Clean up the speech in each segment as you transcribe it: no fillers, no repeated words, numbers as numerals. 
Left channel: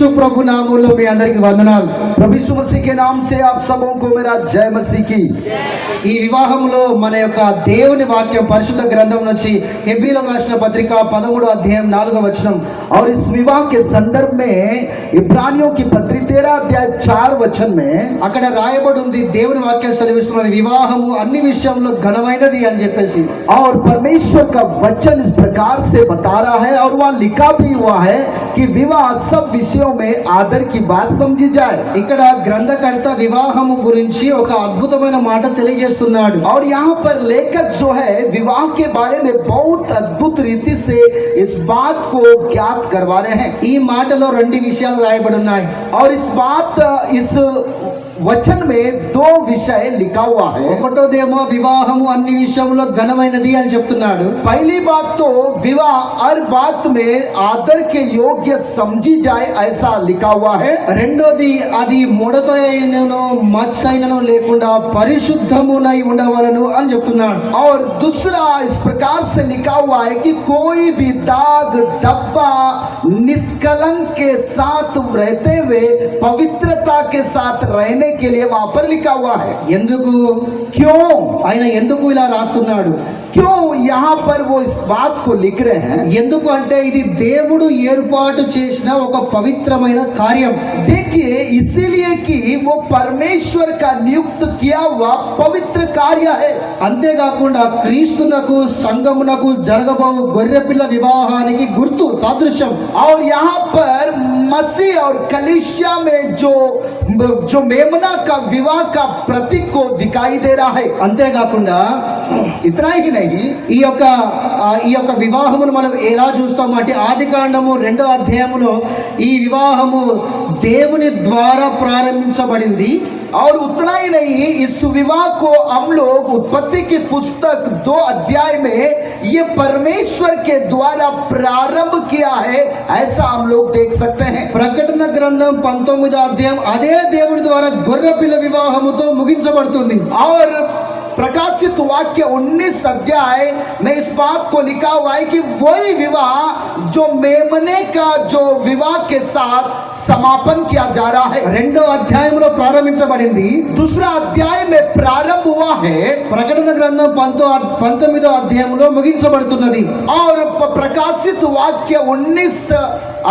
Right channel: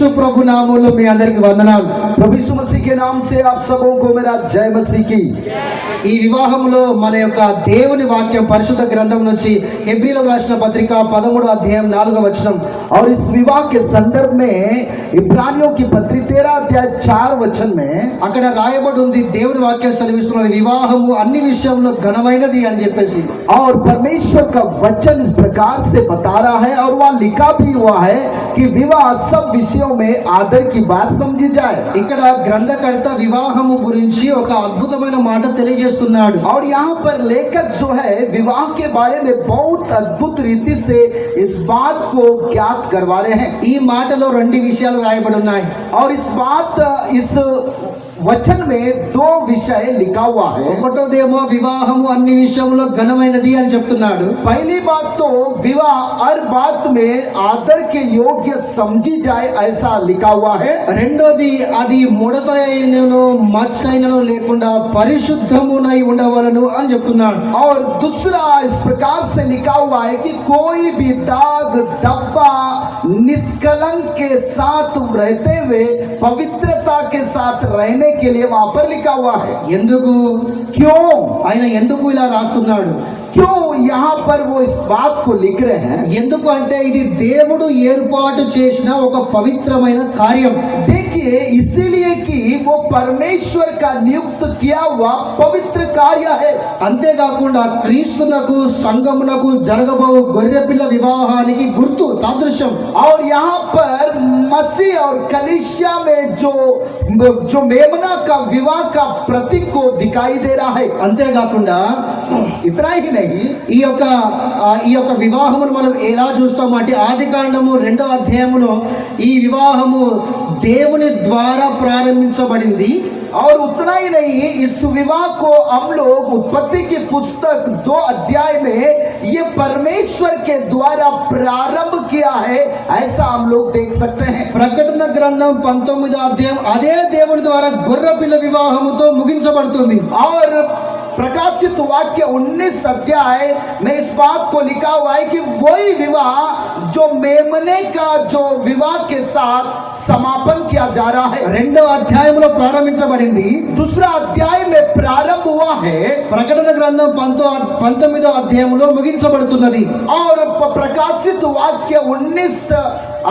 యేసు ప్రభు నామములో మీ అందరికి వందనాలు. प्रभु यीशु मसीह के नाम से आप सबों को मेरा जय मसीह की। ఈ వివాహంలో మన యొక్క దేవుని వాక్యం పరిశుద్ధ గ్రంథం నుంచి హెబ్రీలకు రాసిన పత్రిక 13వ అధ్యాయం 4వ వచనం. और इस विवाह के संदर्भ में इब्रानियों की पत्री 13 अध्याय 4 वचन में అక్కడ రాయబడి ఉంది, దేవుని వాక్యం సెలవిస్తున్నది, వివాహము అన్ని విషయంలో ఘనమైనది అని చెప్పేసి. और परमेश्वर का वचन इस प्रकार से बता रहा है और वह लिखा भी हुआ है कि विवाह सब विषयों में आदर की बात समझी जाए। ఇక్కడ గ్రంథకర్త వివాహము గురించి ఒక అద్భుతమైన మాట తెలియజేస్తున్నాడు. और यहाँ पर लेखक जो है विवाह के बारे में बहुत अद्भुत रीति से इस बात को ज्ञात करवा रहे हैं। ఈ మాటలో రెండు విషయాలు రాయబడి ఉన్నాయి. और इस वचन में दो विषय लिखा हुआ है। ఒకటోదేమో వివాహము అన్ని విషయంలో ఘనమైనది అని చెప్తున్నాడు. पहली बात तो विवाह हर बात में आदर के योग्य समझी जाए ऐसा लिखा हुआ है। రెండోది అది ముడత అయినను మచ్చ అయినను లేకుండా పరిశుద్ధమునై ఉండవలను అని చెప్తున్నాడు. और दूसरा इस प्रकार से लिखा हुआ है कि कोई भी दाग धब्बा निष्कलंक के साथ रहते हुए पवित्रता के साथ रहने के लिए वहां पर लिखा हुआ है। ఎందుకు क्यों ఆయన ఎందుకు ఇలా రాస్తున్నాడు? क्यों यहाँ पर वो इस बात को लिख रहे हैं? ఎందుకు అంటే ఇది దేవుడు ఏర్పాటు చేసిన ఒక పవిత్రమైన కార్యం. देखिए इसीलिए कि वो परमेश्वर का नियुक्त किया हुआ पवित्र कार्य है। అంతేకాకుండా క్రీస్తునకు సంఘమునకు జరగబోవు గొర్రెపిల్ల వివాహానికి గుర్తు సాదృశ్యం. और यहाँ पर मसीह और कलीसिया में जो मेमना का विवाह का प्रतीक को दिखाई दे रहा है। అంతేకాకుండా इतना ही नहीं, ఈ యొక్క వివాహమును మనం ఎలా చూస్తాము అంటే ఆదికాండము 2వ అధ్యాయములో ఈ వివాహము దేవుని ద్వారా ప్రారంభించబడింది. और उतना ही नहीं, इस विवाह को हम लोग उत्पत्ति की पुस्तक 2 अध्याय में ये परमेश्वर के द्वारा प्रारंभ किया है ऐसा हम लोग देख सकते हैं। ప్రకటన గ్రంథం 19వ అధ్యాయం అదే దేవుని ద్వారా గొర్రెపిల్ల వివాహముతో ముగించబడుతుంది. और प्रकाशित वाक्य 19 अध्याय में इस बात को लिखा हुआ है कि वही विवाह जो मेमने का जो विवाह के साथ समापन किया जा रहा है। 2వ అధ్యాయంలో ప్రారంభించబడింది. दूसरा अध्याय में प्रारंभ हुआ है। ప్రకటన గ్రంథం 19వ అధ్యాయంలో ముగించబడుతున్నది. और प्रकाशित वाक्य 19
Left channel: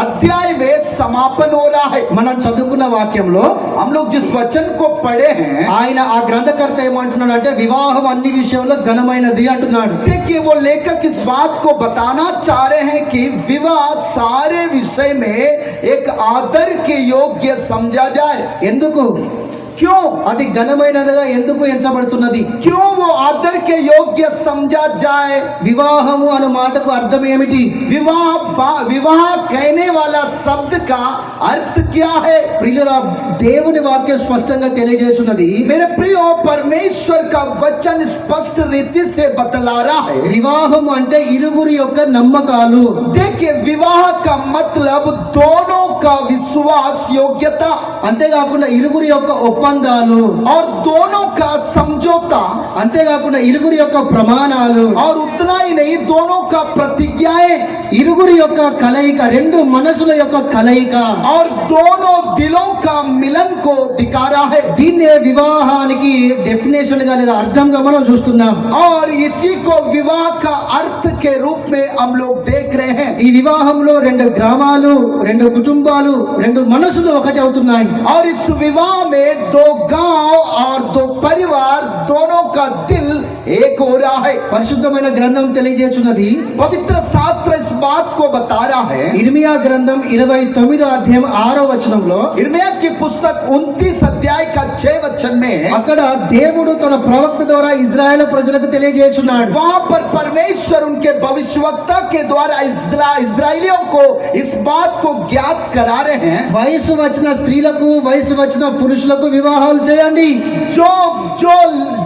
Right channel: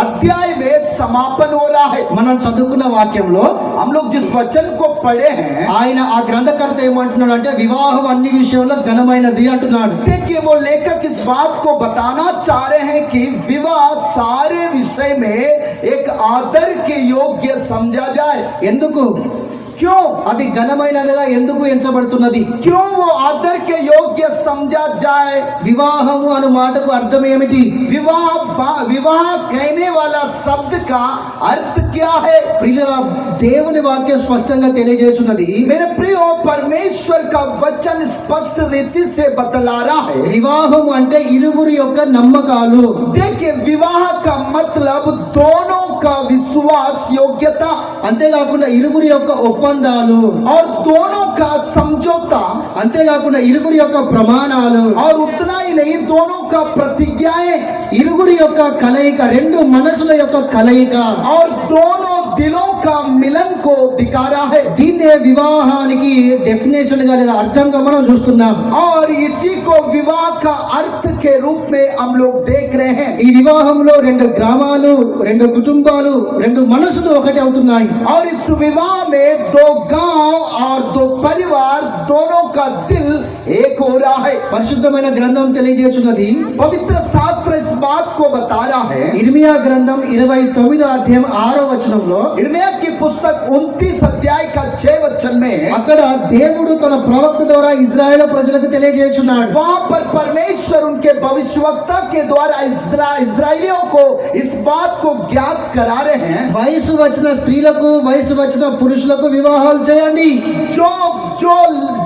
अध्याय में समापन हो रहा है। మనం చదువుకున్న వాక్యంలో हम लोग जिस वचन को पढ़े हैं, ఆయన ఆ గ్రంథకర్త ఏమంటున్నాడు అంటే వివాహం అన్ని విషయంలో ఘనమైనది అంటున్నాడు. देखिए वो लेखक इस बात को बताना चाह रहे हैं कि विवाह सारे विषय में एक आदर के योग्य समझा जाए। ఎందుకు क्यों అది ఘనమైనదిగా ఎందుకు ఎంచబడుతున్నది? क्यों वो आदर के योग्य समझा जाए? వివాహము అనే మాటకు అర్థం ఏమిటి? विवाह कहने वाला शब्द का अर्थ क्या है? ప్రియులారా, దేవుని వాక్యం స్పష్టంగా తెలియజేస్తున్నది. मेरे प्रियो, परमेश्वर का वचन स्पष्ट रीति से बतला रहा है। వివాహం అంటే ఇరువురి యొక్క నమ్మకాలు. देखिए विवाह का मतलब दोनों का विश्वास योग्यता, అంతేకాకుండా ఇరువురి యొక్క ఒప్పందాలు, और दोनों का समझौता, అంతేకాకుండా ఇరువురి యొక్క ప్రమాణాలు, और उतना ही नहीं दोनों का प्रतिज्ञाएं, ఇరువురి యొక్క కలయిక, రెండు మనసుల యొక్క కలయిక, और दोनों दिलों का मिलन को दिखा रहा है। దీన్నే వివాహానికి డెఫినేషన్ గా లేదా అర్థంగా మనం చూస్తున్నాం. और इसी को विवाह का अर्थ के रूप में हम लोग देख रहे हैं। ఈ వివాహంలో రెండు గ్రామాలు, రెండు కుటుంబాలు, రెండు మనసులు ఒకటి అవుతున్నాయి. और इस विवाह में दो गांव और दो परिवार, दोनों का दिल एक हो रहा है। పరిశుద్ధమైన గ్రంథం తెలియజేస్తున్నది. पवित्र शास्त्र इस बात को बता रहा है। ఇర్మియా గ్రంథం 29వ అధ్యాయం 6వ వచనంలో इर्मिया की पुस्तक 29 अध्याय का 6 वचन में అక్కడ దేవుడు తన ప్రవక్త ద్వారా ఇజ్రాయెల్ ప్రజలకు తెలియజేస్తున్నాడు. वहां पर परमेश्वर उनके भविष्यवक्ता के द्वारा इस्राएलियों को इस बात को ज्ञात करा रहे हैं। వయసు వచ్చిన స్త్రీలకు, వయసు వచ్చిన పురుషులకు వివాహాలు చేయండి. जो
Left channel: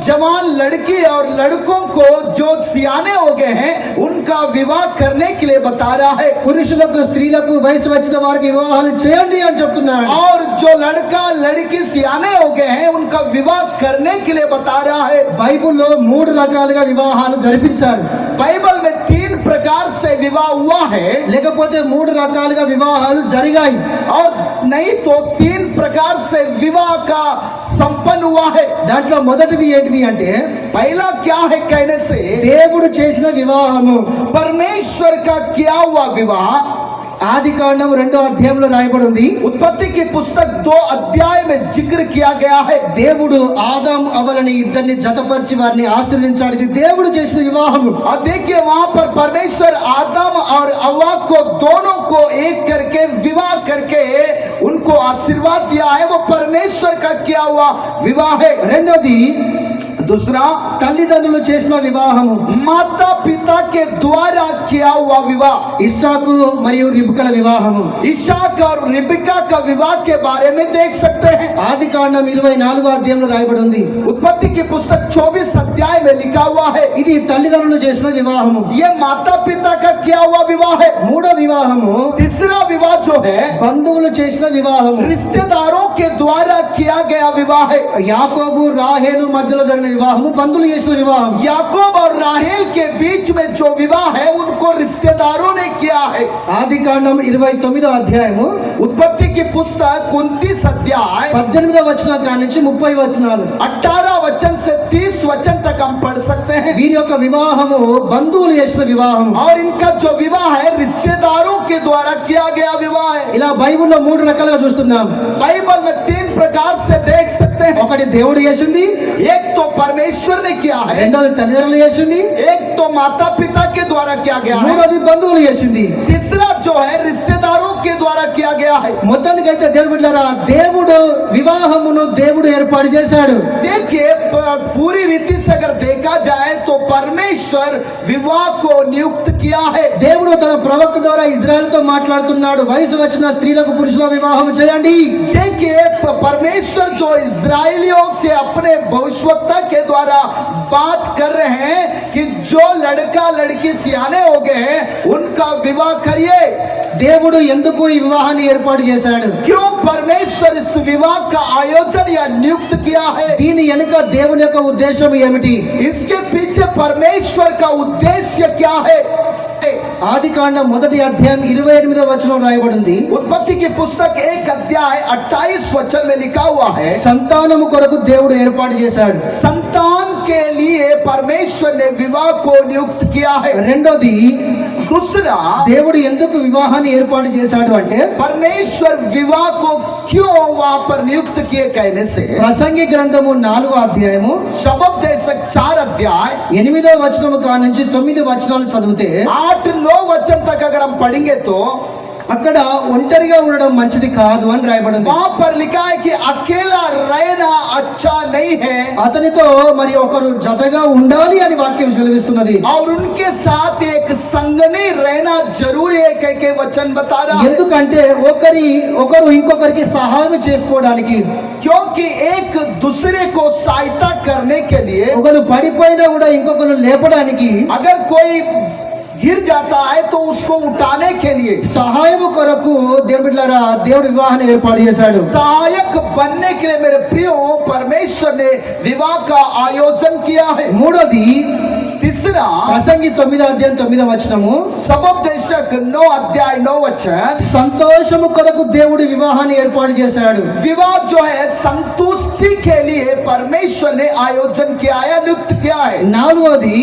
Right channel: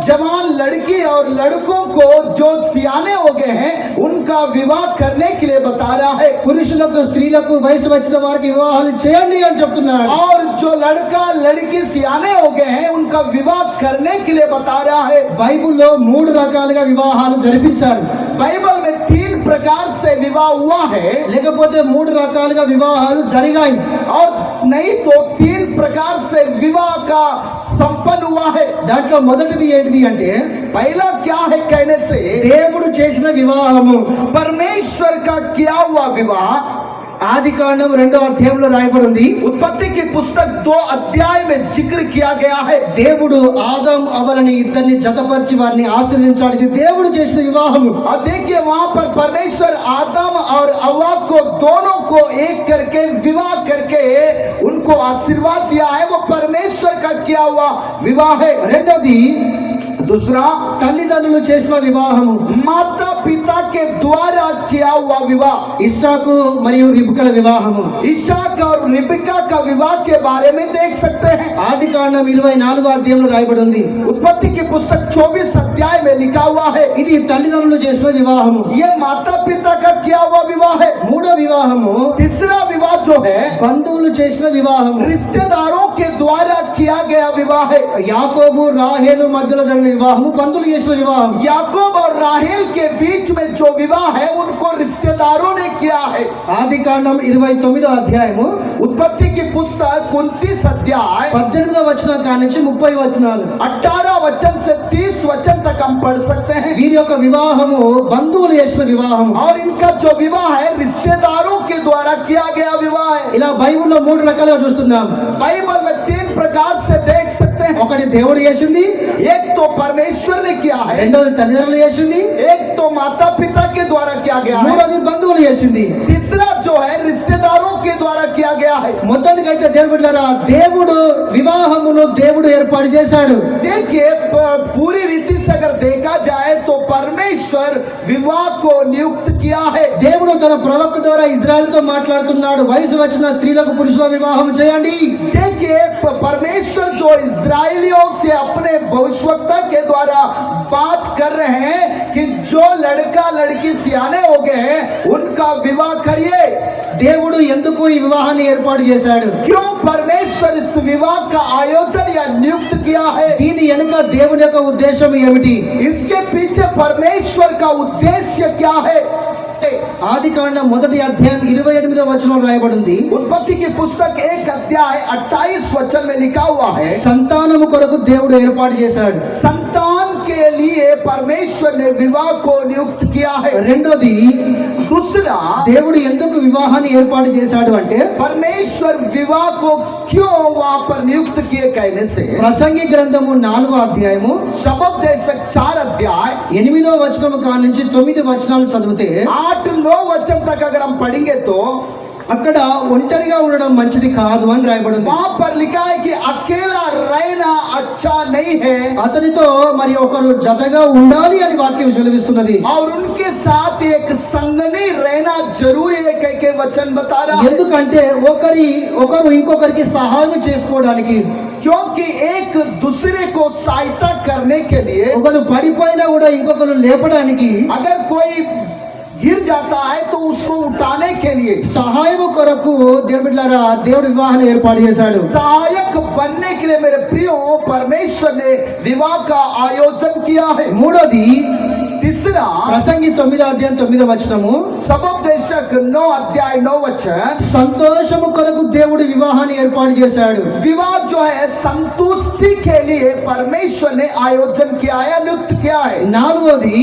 जवान लड़की और लड़कों को जो सियाने हो गए हैं उनका विवाह करने के लिए बता रहा है। పురుషులకు, స్త్రీలకు, వయసు వచ్చిన వారికి వివాహాలు చేయండి అని చెప్తున్నాడు. और जो लड़का लड़की सियाने हो गए हैं उनका विवाह करने के लिए बता रहा है। బైబిల్లో 3 రకాలుగా వివాహాలు జరిపించారు. बाइबल में 3 प्रकार से विवाह हुआ है లేకపోతే 3 రకాలుగా వివాహాలు జరిగాయి. और नहीं तो 3 प्रकार से विवाह का संपन्न हुआ है। దాంట్లో మొదటిది ఏంటిది అంటే पहला क्या है कहने से దేవుడు చేసిన వివాహము. परमेश्वर का किया हुआ विवाह ఆదికాండం 2వ అధ్యాయంలో రాయబడి ఉంది. उत्पत्ति की पुस्तक 2 अध्याय में जिक्र किया गया है। దేవుడు ఆదాం అవలని ఇద్దరిని జతపరిచి వారిని ఆశీర్వదించాడు. ఇది దేవుడు చేసిన వివాహము. और देखिए वहां पर परमेश्वर आदम और हव्वा को दोनों को एक करके विवाह करके उनको आशीर्वाद दिया है। वो परमेश्वर का किया हुआ विवाह है। రెండోది दूसरा తల్లిదండ్రులు చేసిన వివాహము. माता पिता के द्वारा किया हुआ विवाह, ఇస్సాకు మరియు రిబ్కా వివాహము. इशाक और रिबका का विवाह के बारे में देख सकते हैं। ఆదికాండం 24వ అధ్యాయంలో రాయబడి ఉంది. उत्पत्ति की पुस्तक 24 अध्याय में लिखा हुआ है। ఇది తల్లిదండ్రులు చేసిన వివాహము. ये माता पिता का किया हुआ विवाह है। మూడో వివాహము तीसरा विवाह जो है బంధువులు చేసిన వివాహము. रिश्तेदारों के द्वारा किया गया विवाह है। యాకోబు రాహేలు మధ్యలో జరిగిన వివాహము బంధువులు చేసిన వివాహం. याकूब और राहेल के बीच में जो विवाह है उनको रिश्तेदारों ने किया है। ఆదికాండం 29వ అధ్యాయము उत्पत्ति की पुस्तक 29 अध्याय 18వ వచనం కాడి నుంచి 30 వచనాలు. 18 वचन से 30 वचन तक हम पढ़ सकते हैं। వీరి యొక్క వివాహము బంధువులు చేసిన వివాహం. और इनका जो विवाह है रिश्तेदारों के द्वारा किया गया विवाह है। ఇలా బైబిల్లో 3 రకాలుగా చూస్తున్నాం. बाइबल में 3 प्रकार से देख सकते हैं। ఒకటి దేవుడు చేసింది, एक तो परमेश्वर ने किया है, రెండోది తల్లిదండ్రులు చేసింది, एक तो माता पिता के द्वारा किया गया है, మూడోది బంధువులు చేసింది. तीसरा जो है रिश्तेदारों के द्वारा किया गया है। మొత్తానికైతే దేవుడు బిడ్డలారా దేవుడు వివాహమును దేవుడు ఏర్పాటు చేశాడు. देखिए पूरी रीति से अगर देखा जाए तो परमेश्वर विवाह को नियुक्त किया है। దేవుడు తన ప్రవక్త ద్వారా ఇజ్రాయెల్తో మాట్లాడుతున్నాడు. వయసు వచ్చిన స్త్రీలకు పురుషుల వివాహం చేయండి. देखिए परमेश्वर जो इजरायलियों से अपने भविष्यवक्ता के द्वारा बात कर रहे हैं कि जो लड़का लड़की सियाने हो गए हैं उनका विवाह करिए। దేవుడు ఎందుకు ఈ వివాహాన్ని ఏర్పాటు చేశాడు? क्यों परमेश्वर इस विवाह का आयोजन या नियुक्त किया है? దీని వెనుక దేవుని యొక్క ఉద్దేశం ఏమిటి? इसके पीछे परमेश्वर का उद्देश्य क्या है? ఆదికాండం 1వ అధ్యాయం 28వ వచనం రాయబడి ఉంది. उत्पत्ति की पुस्तक 1 अध्याय 28 वचन में लिखा हुआ है, సంతానము కొరకు దేవుడు ఏర్పాటు చేశాడు. संतान के लिए परमेश्वर ने विवाह को नियुक्त किया है। రెండోది दूसरा దేవుడు ఎందుకు వివాహాన్ని ఏర్పాటు చేశాడు అంటే परमेश्वर विवाह को क्यों वहां पर नियुक्त किए कहने से ప్రసంగి గ్రంథము 4వ అధ్యాయము शबद देशक 4 अध्याय 8వ వచనము కాడ నుంచి 9 వచనాలు చదివితే 8-9 वचन तक अगर हम पढ़ेंगे तो అక్కడ ఒంటరిగా ఉండడం మంచిది కాదు అని రాయబడి ఉంది. वहां पर लिखा है कि अकेला रहना अच्छा नहीं है అతనితో మరి ఒకరు జతగా ఉండాలి అని వాక్యం సెలవిస్తున్నది. और उनके साथ एक संगनी रहना जरूरी है कह के वचन बता रहा है। ఎందుకంటే ఒకరు ఇంకొకరికి సహాయం చేసుకోవడానికి, क्योंकि एक दूसरे को सहायता करने के लिए ఒకరు పడిపోయినా కూడా ఇంకొకరు లేపడానికి, अगर कोई गिर जाता है तो उसको उठाने के लिए సహాయం కొరకు దేవుడిలారా దేవుడు వివాహాన్ని ఏర్పాటు చేశాడు. सहायक बनने के लिए मेरे प्रियो परमेश्वर ने विवाह का आयोजन किया है। మూడోది तीसरा ప్రసంగి 9వ అధ్యాయం 9వ వచనము सबोपदेशक 9 अध्याय 9 वचन సంతోషము కొరకు దేవుడు వివాహాన్ని ఏర్పాటు చేశాడు. विवाह जो है संतुष्टि के लिए परमेश्वर ने आयोजन किया है, नियुक्त किया है। నాలుగోది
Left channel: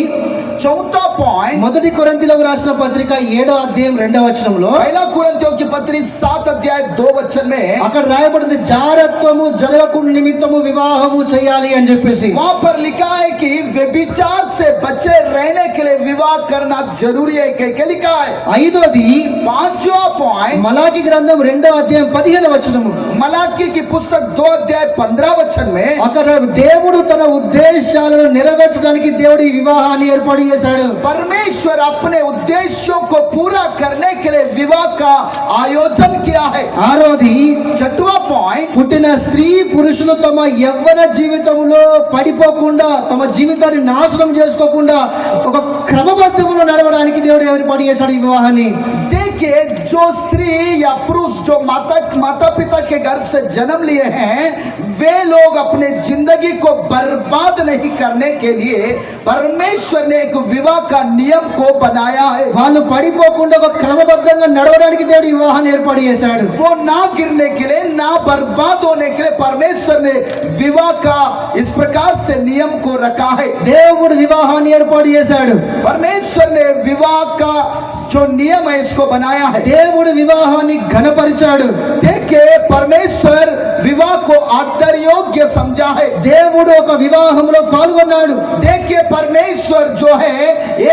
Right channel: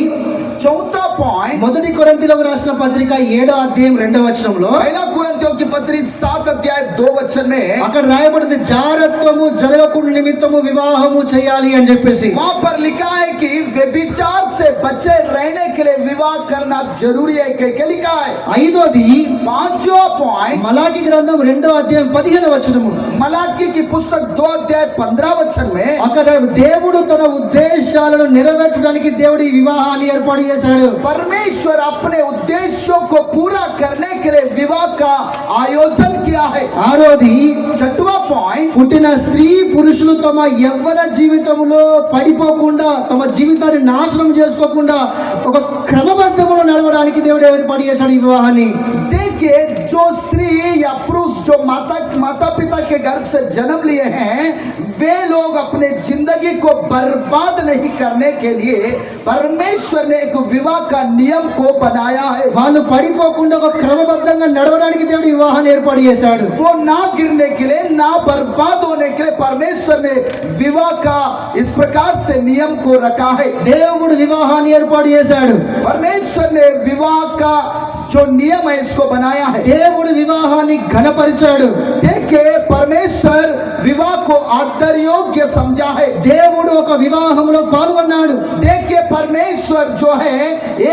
चौथा पॉइंट మొదటి కొరింథీయులకు రాసిన పత్రిక 7వ అధ్యాయం 2వ వచనంలో पहला कुरिन्थियों की पत्री 7 अध्याय 2 वचन में అక్కడ రాయబడింది జారత్వము జరగకుండా నిమిత్తము వివాహము చేయాలి అని చెప్పేసి. वहां पर लिखा है कि व्यभिचार से बचे रहने के लिए विवाह करना जरूरी है कह के लिखा है। ఐదోది पांचवा पॉइंट మలాకి గ్రంథం 2వ అధ్యాయం 15వ వచనము. मलाकी की पुस्तक 2 अध्याय 15 वचन में అక్కడ దేవుడు తన ఉద్దేశాలను నెరవేర్చడానికి దేవుడు ఈ వివాహాన్ని ఏర్పాటు చేశాడు. परमेश्वर अपने उद्देश्यों को पूरा करने के लिए विवाह का आयोजन किया है। ఆరోది छठवां पॉइंट పుట్టిన స్త్రీ పురుషులు తమ యవ్వన జీవితంలో పడిపోకుండా తమ జీవితాన్ని నాశనం చేసుకోకుండా ఒక క్రమబద్ధంలో నడవడానికి దేవుడు ఏర్పాటు చేశాడు ఈ వివాహాన్ని. देखिए जो स्त्री या पुरुष जो माता पिता के गर्भ से जन्म लिए हैं, वे लोग अपने जिंदगी को बर्बाद नहीं करने के लिए परमेश्वर ने एक विवाह का नियम को बनाया है। వాళ్ళు పడిపోకుండా ఒక క్రమబద్ధంగా నడవడానికి దేవుడు వివాహాన్ని ఏర్పాటు చేశాడు. वो ना गिरने के लिए, ना बर्बाद होने के लिए परमेश्वर ने विवाह का इस प्रकार से नियम को रखा है। దేవుడు వివాహాన్ని ఏర్పాటు చేశాడు. परमेश्वर ने विवाह का जो नियम है इसको बनाया है। దేవుడు వివాహాన్ని ఘనపరిచాడు. देखिए, परमेश्वर विवाह को आदर योग्य समझा है। దేవుడు ఒక వివాహంలో పాల్గొన్నాడు. देखिए, परमेश्वर जो है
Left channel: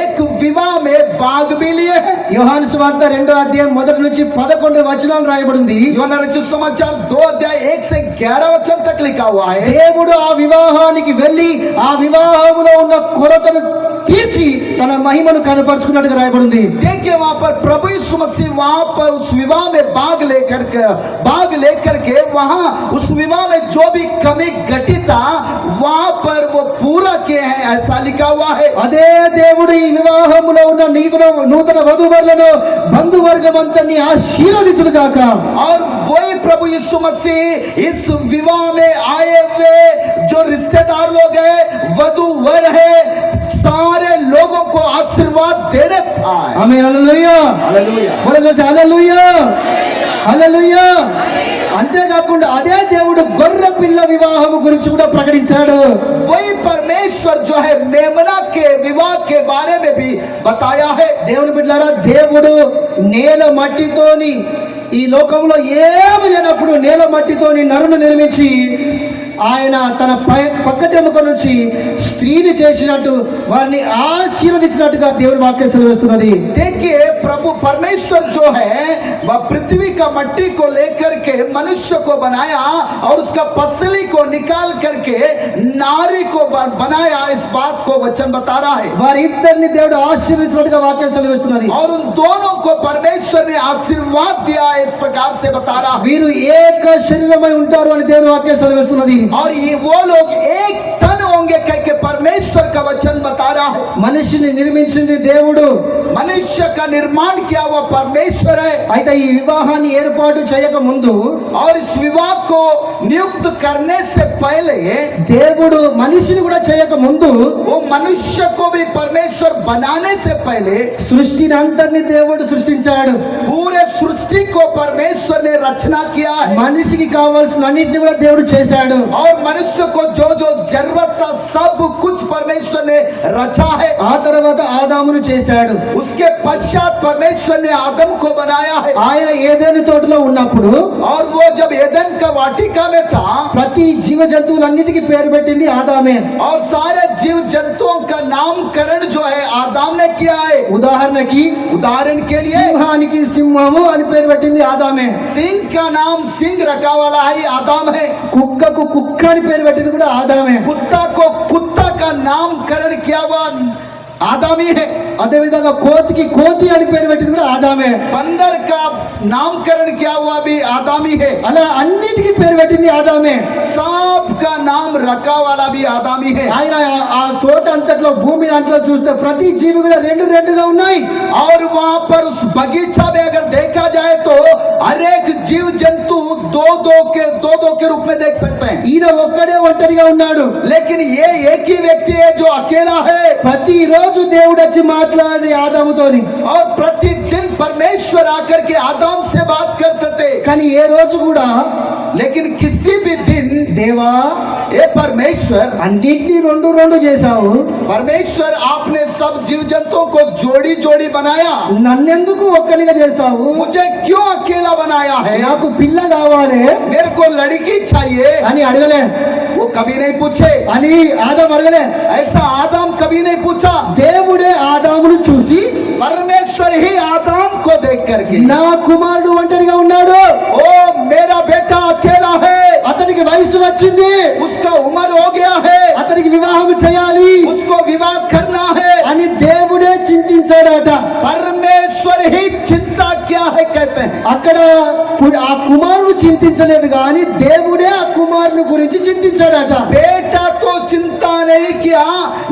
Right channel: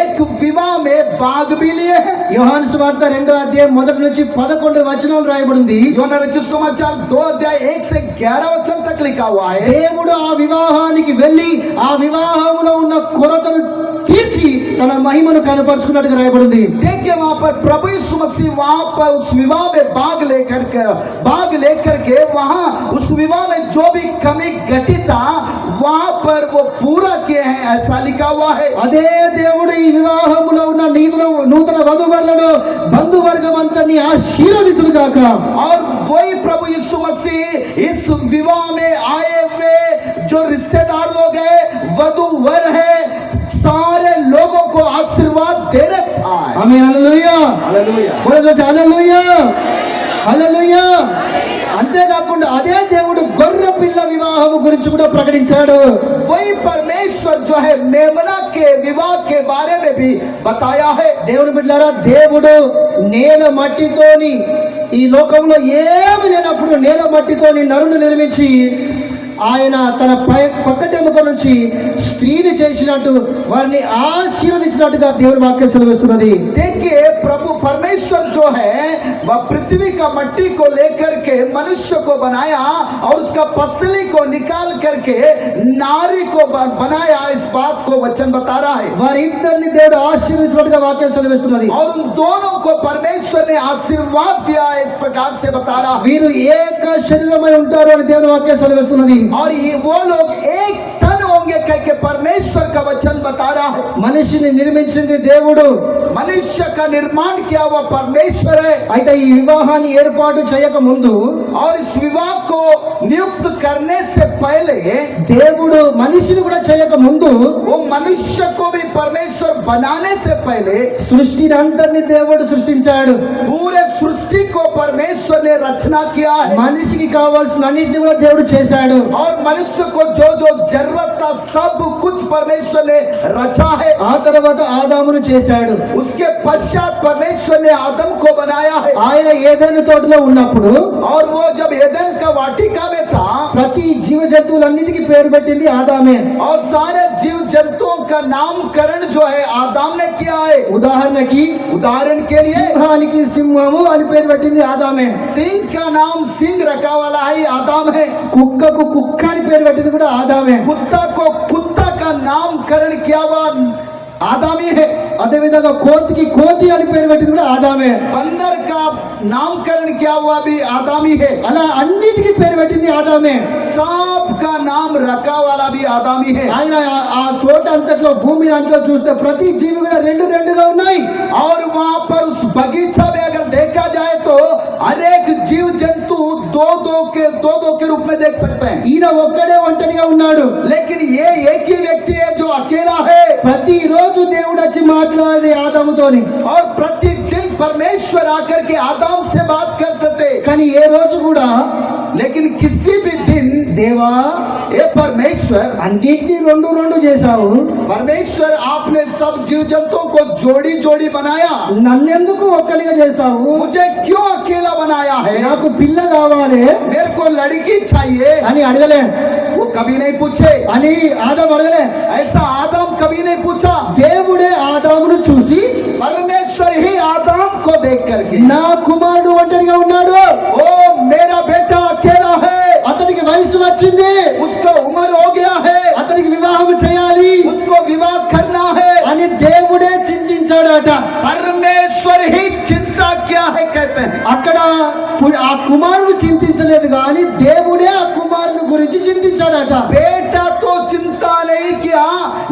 एक विवाह में भाग भी लिए है। యోహాను సువార్త 2వ అధ్యాయం 1 నుంచి 11 వచనాలు రాయబడింది. యోహాను రచిత समाचार 2 अध्याय 1 से 11 वचन तक लिखा हुआ है। దేవుడు ఆ వివాహానికి వెళ్ళి ఆ వివాహంలో ఉన్న కొరతను తీర్చి తన మహిమను కనపరుచుకున్నట్టుగా రాయబడింది. देखिए, वहां पर प्रभु यीशु मसीह वहां पर उस विवाह में भाग लेकर के वहां उस विवाह में जो भी कमी घटी था वहां पर वो पूरा किए हैं, ऐसा लिखा हुआ है। అదే దేవుడు ఈ వివాహంలో ఉన్న నూతన వధూవరులను బంధువర్గం అంతని ఆశీర్వదించును గాక. और वही प्रभु यीशु मसीह इस विवाह में आए हुए जो रिश्तेदार लोग हैं, वधू वर है, सारे लोगों को आशीर्वाद देने पाए। ఆమేన్. హల్లెలూయా. हालेलुया। హల్లెలూయా. హల్లెలూయా. అంతేకాకుండా అదే దేవుడు గొర్రె పిల్ల వివాహము గురించి కూడా ప్రకటించాడు. वही परमेश्वर जो है मेमना के विवाह के बारे में भी बताया है। దేవుని బిడ్డలారా, దేవుడు నేల మట్టితోని ఈ లోకంలో ఏమి లేనప్పుడు నేల మట్టితోని నరును నిర్మించి ఆయన తన పక్కటెముక నుంచి స్త్రీని చేసినట్టు వారిని ఆశీర్వదించినట్టుగా దేవుని వాక్యం సెలవిస్తున్నది. देखिए, प्रभु परमेश्वर जो है वह पृथ्वी का मट्टी को लेकर के मनुष्य को बनाया और उसका पसली को निकाल करके नारी को बनाया। इस बात को वचन बता रहा है। వారిద్దరిని దేవుడు ఆశీర్వదించినట్టుగా వాక్యం సెలవిస్తున్నది. और उन दोनों को परमेश्वर ने आशीर्वाद दिया है, इस प्रकार से बता रहा है। వీరు ఏక శరీరమై ఉంటారు అని దేవుని వాక్యం సెలవిస్తున్నది. और ये वो लोग एक तन होंगे कह के परमेश्वर का वचन बता रहा है। మనిషిని నిర్మించింది దేవుడు. मनुष्य का निर्माण किया हुआ परमेश्वर है। అయితే ఈ వివాహాన్ని ఏర్పాటు చేయక ముందు और इस विवाह को नियुक्त करने से पहले దేవుడు మనిషిని కూడా చేయక ముందు वो मनुष्य को भी परमेश्वर बनाने से पहले సృష్టిని అంతటిని దేవుడు సృష్టించాడు. पूरे सृष्टि को परमेश्वर ने रचना किया है। మనిషికి కావాల్సిన అన్నిటిని కూడా దేవుడు చేశాడు. और मनुष्य को जो जो जरूरत था सब कुछ परमेश्वर ने रचा है। ఆ తర్వాత ఆదామును చేశాడు. उसके पश्चात परमेश्वर ने आदम को बनाया है। ఆయన ఏదైనా తోటలో ఉన్నప్పుడు और वो जब एदन का वाटिका में था ప్రతి జీవ జంతువులన్నిటికీ పేరు పెట్టింది ఆదామే. और सारे जीव जंतुओं का नामकरण जो है आदम ने किया है। ఉదాహరణకి उदाहरण के लिए సింహానికి సింహము అని పేరు పెట్టింది ఆదామే. सिंह का नाम सिंह रखा वाला है आदम है। కుక్కకు కుక్క అని పేరు పెట్టింది కూడా ఆదామే. कुत्ता को कुत्ता का नामकरण किया हुआ आदमी है। అదే విధంగా కోతికి కోతి అని పేరు పెట్టింది కూడా ఆదామే. बंदर का नामकरण किया हुआ भी आदमी है। అలా అన్నిటికీ పేరు పెట్టింది ఆదామే. सांप का नाम रखा वाला भी आदमी है। ఆయన ఆ తోట అంతట్లో భూమి అంతలో చూస్తే ప్రతి జీవి కూడా రెండు రెండుగా ఉన్నాయి. और वहां पर उस बगीचा में अगर देखा जाए तो हर एक जीव जंतु दो दो के रूप में देख सकते हैं। ఈయన ఒక్కడే ఒంటరిగా ఉన్నాడు. लेकिन ये एक ही व्यक्ति है जो अकेला है। ప్రతి రోజు దేవుడు వచ్చి మాట్లాడేది ఆదాముతోని. और प्रतिदिन परमेश्वर आकर के आदम से बात करते थे। కానీ ఏ రోజు కూడా लेकिन किसी भी दिन దేవా ये परमेश्वर అన్నిటినీ రెండు రెండు చేశావు, परमेश्वर आपने सब जीव जंतुओं को जोड़ी जोड़ी बनाया, నన్నెందుకు ఒక్కడిగా చేశావు, मुझे क्यों अकेला बनाया है, నాకు పిల్ల కావాలి मेरे को लड़की चाहिए, అని అడగలే. वो कभी नहीं पूछे। అని ఆదాము అడగలే. ऐसा आदम कभी नहीं पूछा। దేవుడే ఆదామును చూసి परमेश्वर ही आदम को देख करके నా కుమారుడు ఒంటరిగా ఉన్నాడు, ओ मेरा बेटा अकेला है, అతనికి వయసు వచ్చింది, उसका उम्र हो गया है, అతనికి వివాహం చేయాలి उसको विवाह करना है। అని దేవుడే చింతించాడట. परमेश्वर ही चिंता क्या है कहते हैं। అక్కడ ఆ కుమారుడు చింతించలేదు కానీ దేవుడే ఆ కుమారుని గురించి చింతించాడట. बेटा तो चिंता नहीं किया,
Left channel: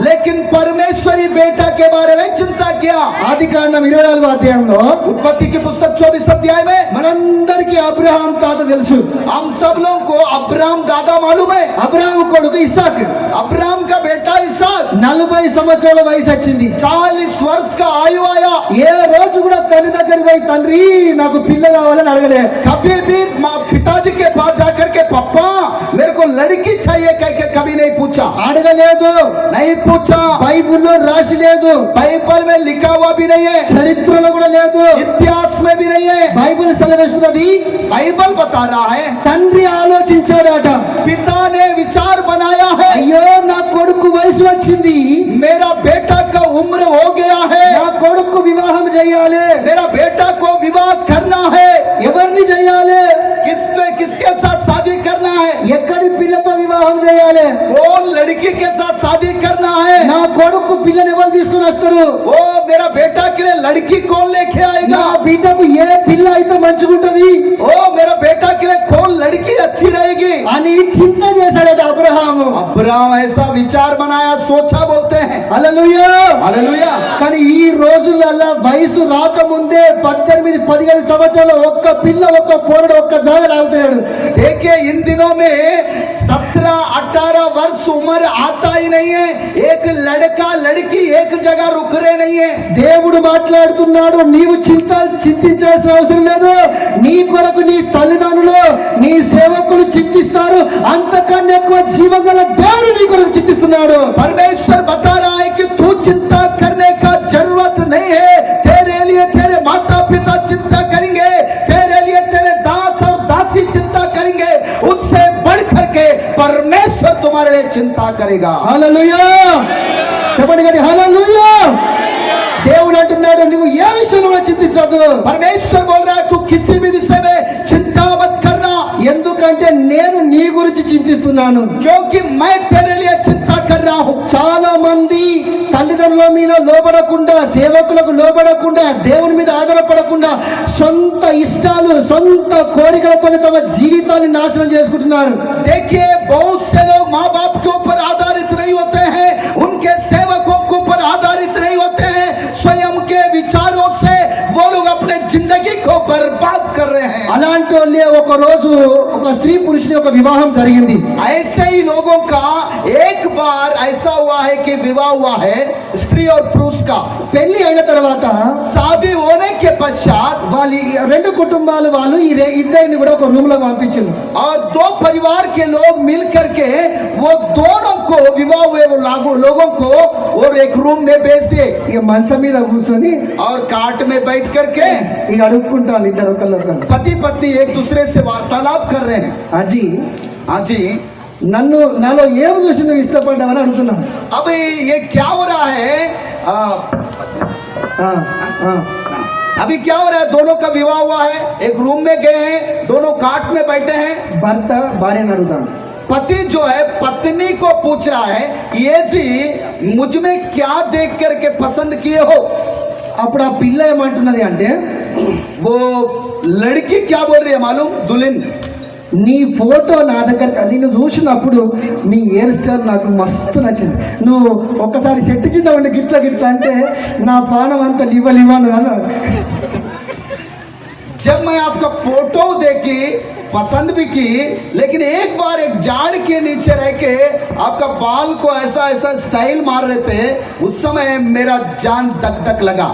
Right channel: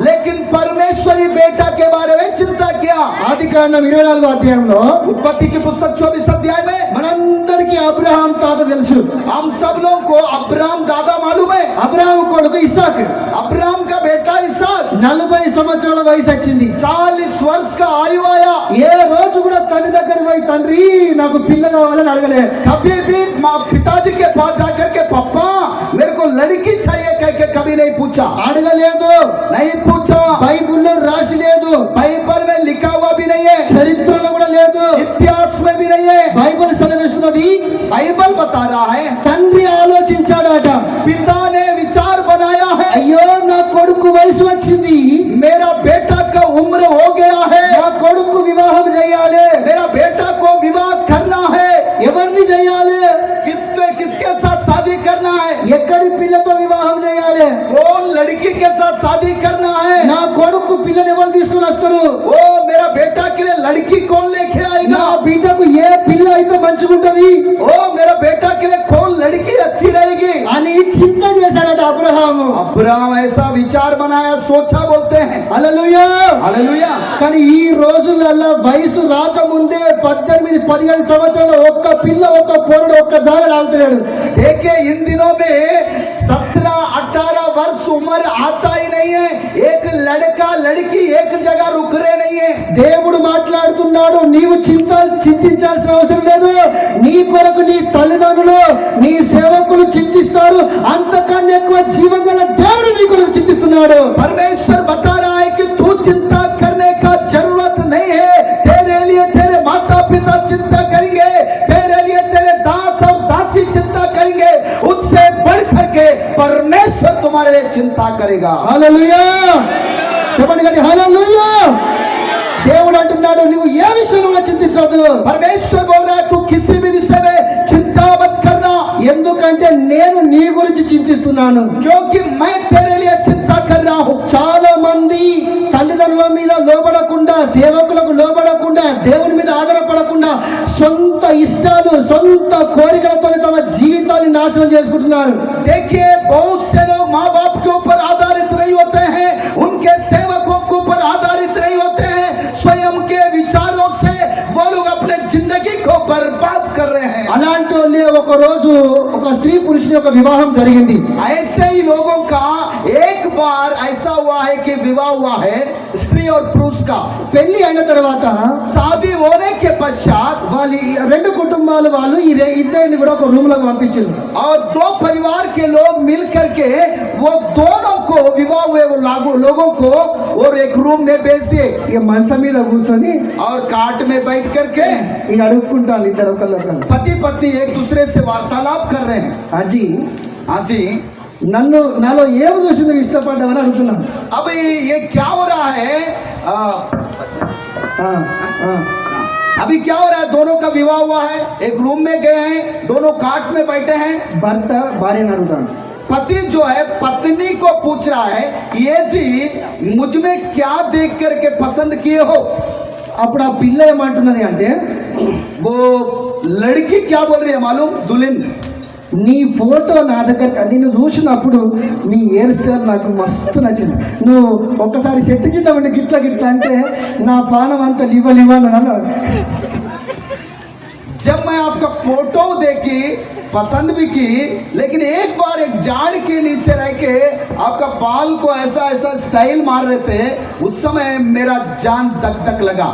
लेकिन परमेश्वरी बेटा के बारे में चिंता किया। ఆదికాండం 24వ అధ్యాయంలో उत्पत्ति की पुस्तक 24 अध्याय में మనందరికీ అబ్రహాం తాత తెలుసు. हम सब लोगों को अब्राहम दादा मालूम है। అబ్రహాం కొడుకు ఇస్సాకు. अब्राहम का बेटा इसहाक 40 సంవత్సరాల వయసు వచ్చింది. 40 वर्ष का आयु आया। ఏ రోజు కూడా తల్లి దగ్గరికి పోయి తండ్రి నాకు పిల్ల కావాలని అడగలే. कभी भी माँ पिताजी के पास जाकर के पापा मेरे को लड़की चाहिए कह के कभी नहीं पूछा, అడగలేదు. नहीं पूछा। బైబిల్లో రాసి లేదు, बाइबल में लिखा हुआ भी नहीं है, చరిత్రలో కూడా లేదు, इतिहास में भी नहीं है। బైబిల్ సెలవిస్తున్నది बाइबल बता रहा है తండ్రి ఆలోచించాడట. पिता ने विचार बनाया है, అయ్యో నా కొడుకు వయసు వచ్చింది, मेरा बेटा का उम्र हो गया है, నా కొడుకు వివాహం చేయాలి. मेरा बेटा को विवाह करना है। ఎవరిని చేయాలి? किसके साथ शादी करना है, ఎక్కడి పిల్లతో వివాహం చేయాలి? कौन लड़की के साथ शादी करना है। నా కొడుకు పిల్లని ఎవరు తీసుకుని వస్తారు? ओ मेरा बेटा के लिए लड़की कौन लेके నా आएगा। బిడ్డకు ఏ పిల్ల అయితే మంచిగుంటది ओ मेरा बेटा के लिए कौन लड़की अच्छी रहेगी। అని చింత చేశాడట అబ్రహాము. अब्राहम ऐसा विचार बनाया, सोचा बोलते हैं। హల్లెలూయా. हालेलुया। కానీ ఈ రోజులలో వయసు రాకముందే 18-15 సంవత్సరాల ఒక్క పిల్ల ఒక్క పోరడు ఒక్క జాగలు ఆగుతున్నాడు. देखिए इन दिनों में 17-18 वर्ष उम्र आता ही नहीं है, एक लड़का लड़की एक जगह रुक रहे नहीं है। దేవుడు మాట్లాడుతున్నాడు, నీవు చింతించాల్సిన అవసరం లేదు. నీ కొరకు నీ తల్లిదండ్రులు నీ సేవకులు చింతిస్తారు, అంతకన్నా ఎక్కువ జీవం గల దేవుడు నీ కొరకు చింతిస్తున్నాడు. परमेश्वर बता रहा है कि तू चिंता करने का जरूरत नहीं है, तेरे लिए तेरे माता पिता चिंता करेंगे, तेरे लिए तेरे दास और दासी चिंता करेंगे, उससे बढ़ करके परमेश्वर तुम्हारे लिए चिंता करेगा। హల్లెలూయా. చెప్పండి కానీ హల్లెలూయా. దేవుడు అంటున్నాడు నువ్వు ఏ విషయంలో కూడా చింతించవద్దు. परमेश्वर बोल रहा है तू किसी भी विषय में चिंता मत करना, ఎందుకంటే నేను నీ గురించి చింతిస్తున్నాను. क्योंकि मैं तेरे लिए चिंता कर रहा हूँ। చాలా మంది తల్లిదండ్రుల మీద లోబడకుండా, సేవకులకు లోబడకుండా, దేవుని మీద ఆధారపడకుండా సొంత ఇష్టాలు సొంత కోరికలతో తమ జీవితాన్ని నాశనం చేసుకుంటున్నారు. देखिए बहुत से लोग माँ बाप के ऊपर आधारित नहीं होते हैं, उनके सेवकों के ऊपर आधारित नहीं होते हैं, स्वयं के विचारों से वो लोग अपने जिंदगी को बर्बाद कर रहे हैं। అలాంటి వాళ్ళే ఒక రోజు ఒక స్త్రీ పురుషుని ఒక వివాహం జరిగింది. ऐसे ही लोगों का एक बार ऐसा हुआ है कि विवाह हुआ है स्त्री और पुरुष का। పెళ్లి అయిన తర్వాత शादी होने के पश्चात వాళ్ళ రెండు కుటుంబాలు వాళ్ళు ఈ ఇద్దరిని కూడా ఒక రూమ్ లో పంపించారు. और दो परिवार के लोग मिल करके वो दोनों को विवाह हुए वो लोगों को और एक रूम में भेज दिए ఇక మంచం మీద కూర్చొని और काट में बैठ करके ఇక అడుక్కుంటాను ఇద్దరు ఒకళ్ళొకళ్ళు. पति पत्नी एक दूसरे से वार्तालाप कर रहे हैं। అజీ हाँ जी, నాలో ఏం చూసి నువ్వు ఇష్టపడ్డావని అడుగుతున్నాను. अब ये क्या हो रहा है ఆ, ఆ. अभी क्या हो रहा है, दोनों का विवाह हुआ है, एक रूम में गए हैं, दोनों काट में बैठे हैं। భర్త భార్యని అడుగుతాను, पति जो है पत्नी को पूछ रहा है ये जी मुझ में क्या देख करके पसंद किए हो। అప్పుడు ఆ పిల్ల ఏమంటున్నది అంటే वो लड़की क्या बोल रही है मालूम, दुल्हन, నీ ఫోటో నా దగ్గర నిన్ను చూసినప్పుడు నీ హెయిర్ స్టైల్ నాకు మస్తు నచ్చింది, నువ్వు ఒక్కసారి సెట్ కింద ఉండి గిట్ల గిట్ల అంటే నా ప్రాణం అంతా లివ్వను అన్నాడు. जब मैं आपका फोटो देखी पसंद भी की, लेकिन एक बार एक झाड़ के नीचे रह के आपका बाल को ऐसा ऐसा स्टाइल मार रहे थे, उस समय मेरा जान धक धक लगा।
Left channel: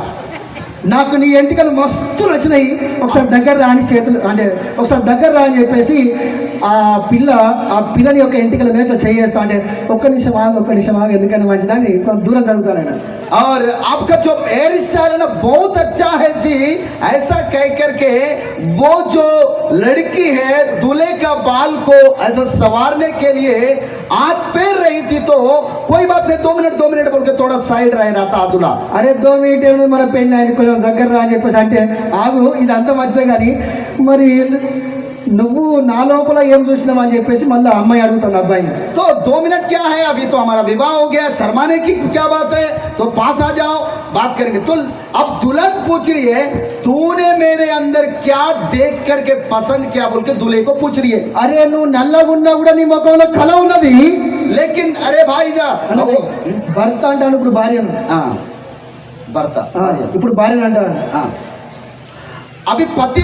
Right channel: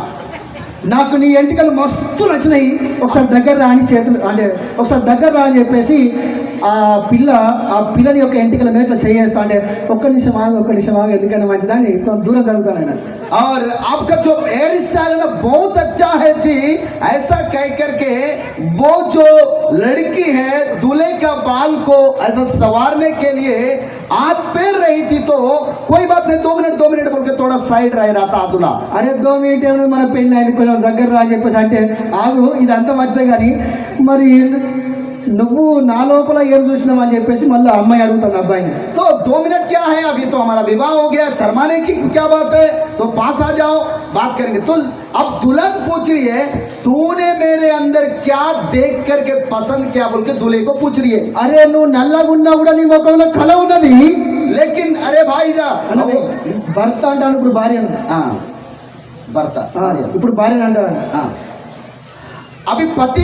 నాకు నీ ఎంటికలు మస్తు నచ్చినాయి, ఒకసారి దగ్గర రాని చేతులు అంటే ఒకసారి దగ్గర రా అని చెప్పేసి ఆ పిల్లని యొక్క ఎంటికల మీద చేయేస్తా అంటే ఒక్క నిమిషం ఆగు ఎందుకని మంచిదని దూరం జరుగుతాను ఆయన. और आपका जो हेयर स्टाइल है ना बहुत अच्छा है जी, ऐसा कह करके वो जो लड़की है दूल्हे का बाल को ऐसा संवारने के लिए हाथ पैर रही थी, तो कोई बात नहीं 2 मिनट बोल के थोड़ा साइड रह रहा था दूल्हा। అరే 2 మినిట్ మన పెళ్ళి ఆయన కొంచెం దగ్గర రా అని చెప్పేసి అంటే ఆగు ఇదంతా మంచిదే కానీ మరి నువ్వు నా లోపల ఏం చూసినావు అని చెప్పేసి మళ్ళీ అమ్మాయి అడుగుతాను అబ్బాయిని. तो 2 मिनट क्या है, अभी तो हमारा विवाह हो गया है, शर्माने की क्या बात है, तो पास आ जाओ बात करेंगे। तो अब दुल्हन पूछ रही है तूने मेरे अंदर क्या देख करके पसंद किया बोल के दूल्हे को पूछ रही है। అరే నువ్వు నల్లగున్నా కూడా నీ ముఖంలో కళ ఉన్నది लेकिन अरे भाई जा అన్నది. భర్త అంటాను ఇప్పుడు భార్యను. हाँ भरता ఇప్పుడు భార్యను అంటాను. हाँ अभी पति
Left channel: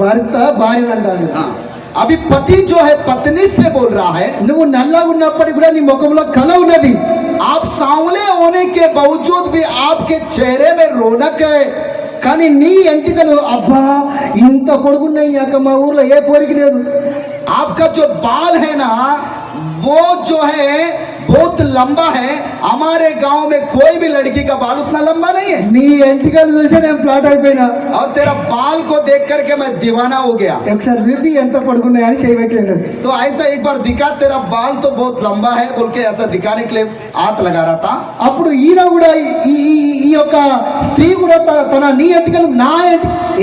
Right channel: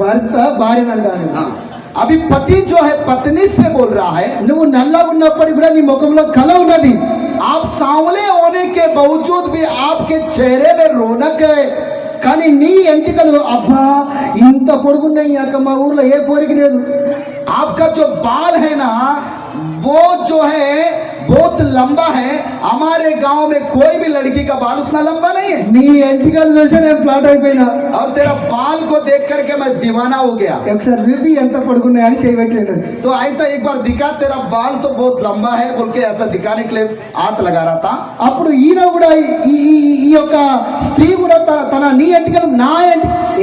భర్త భార్యను అంటాను. हाँ अभी पति जो है पत्नी से बोल रहा है నువ్వు నల్లగా ఉన్నప్పటికీ కూడా నీ ముఖంలో కళ ఉన్నది. आप सांवले होने के बावजूद भी आपके चेहरे में रौनक है। కానీ నీ ఎంటికలు అబ్బా ఇంత పొడుగున్నాయి అక్క మా ఊర్లో ఏ పోరికి లేదు. आपका जो बाल है ना वो जो है बहुत लंबा है, हमारे गांव में कोई भी लड़की का बाल उतना लंबा नहीं है। నీ ఎంటికలు చూసే నేను ఫ్లాట్ అయిపోయినా. और तेरा बाल को देख करके मैं दीवाना हो गया। ఒకసారి రివ్యూ ఎంత పొడుగున్నాయి అని చేయబెట్టలేదు. तो ऐसा एक बार दिखा, तेरा बाल तो बहुत लंबा है बोल के ऐसा दिखाने के लिए हाथ लगा रहा था। అప్పుడు ఈయన కూడా ఈ యొక్క స్త్రీ కూడా తన నీ ఎంటికలు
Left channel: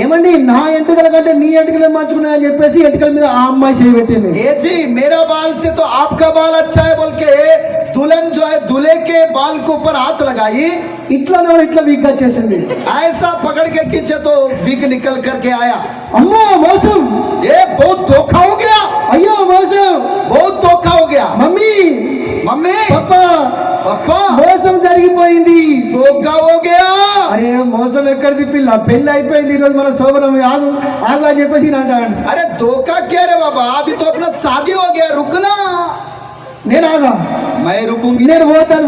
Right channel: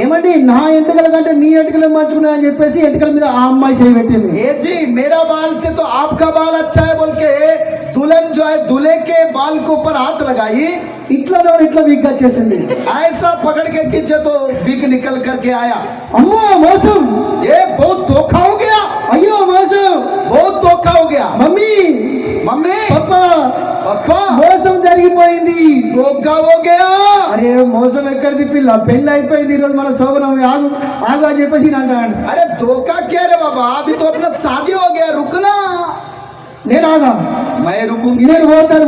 ఏమండి నా ఎంటికల కంటే నీ ఎంటికలు మంచుకున్నా అని చెప్పేసి ఎంటికల మీద ఆ అమ్మాయి చేయబెట్టింది. ये जी मेरा बाल से तो आपका बाल अच्छा है बोल के दुल्हन जो है दूल्हे के बाल के ऊपर हाथ लगाई, ఇట్లా వీక్గా చేసింది. ऐसा पकड़ के खींचे तो विग निकल करके आया। అమ్మో మోసం, ये बहुत धोखा हो गया, అయ్యో మోసం, बहुत धोखा हो गया। మమ్మీ मम्मी పప్పా पापा మోసం జరిగిపోయింది. धोखा हो गया। అరే మోసం ఎక్కడిది పిల్ల, పెళ్లి అయిపోయింది, ఈరోజు మన శోభనం ఆగు ఆగు అని చెప్పేసి నేను అంటాను. अरे धोखा क्या रे बाबा, अभी तो अपना शादी हो गया, रुकना। నేను ఆగా, मैं रुकूंगी, నేను పోతాను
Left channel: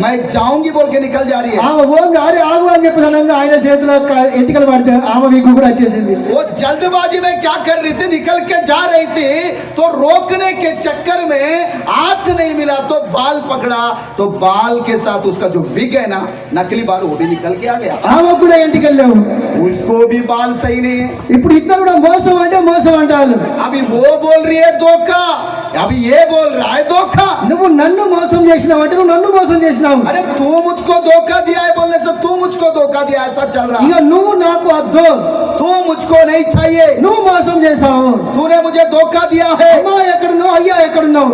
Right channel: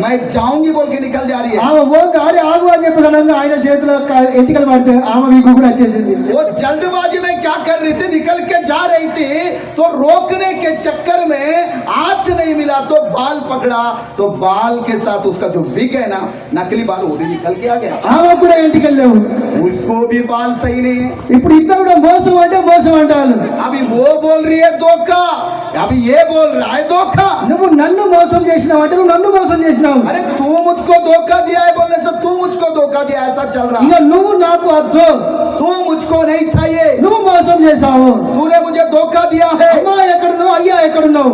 मैं जाऊंगी बोल के निकल जा रही है। ఆమె ఓంగి అరే ఆగు అని చెప్పి ఆయన చేతిలో ఎంటికలు పడితే ఆమె వీకు కూడా వచ్చేసింది. वो जल्दबाजी में क्या कर रही थी, निकल के जा रही थी तो रोकने के चक्कर में हाथ नहीं मिला तो बाल पकड़ा, तो बाल के साथ उसका जो विग है ना नकली बाल वो भी निकल के आ गया। ఆమె కూడా ఎంటికలు లేవు, उसको भी बाल सही नहीं है। ఇప్పుడు ఇద్దరు కూడా మోసం అంటే మోసం అంటారు. अभी वो बोल रही है धोखा, अभी ये बोल रहा है धोखा। నువ్వు నన్ను మోసం చేసినావు అంటే నువ్వు నన్ను మోసం చేసినావు. अरे तू मुझको धोखा दिया है बोलने से तू मुझको धोखा दिया, ऐसा चल रहा ఇక है। నువ్వు నాకు అద్దు, तू मुझको नहीं चाहिए, నువ్వు మోసం చేసావు. तूने मुझे धोखा दिया है। అమ్మా ఎక్కడున్నావు, అయ్యా ఎక్కడున్నావు,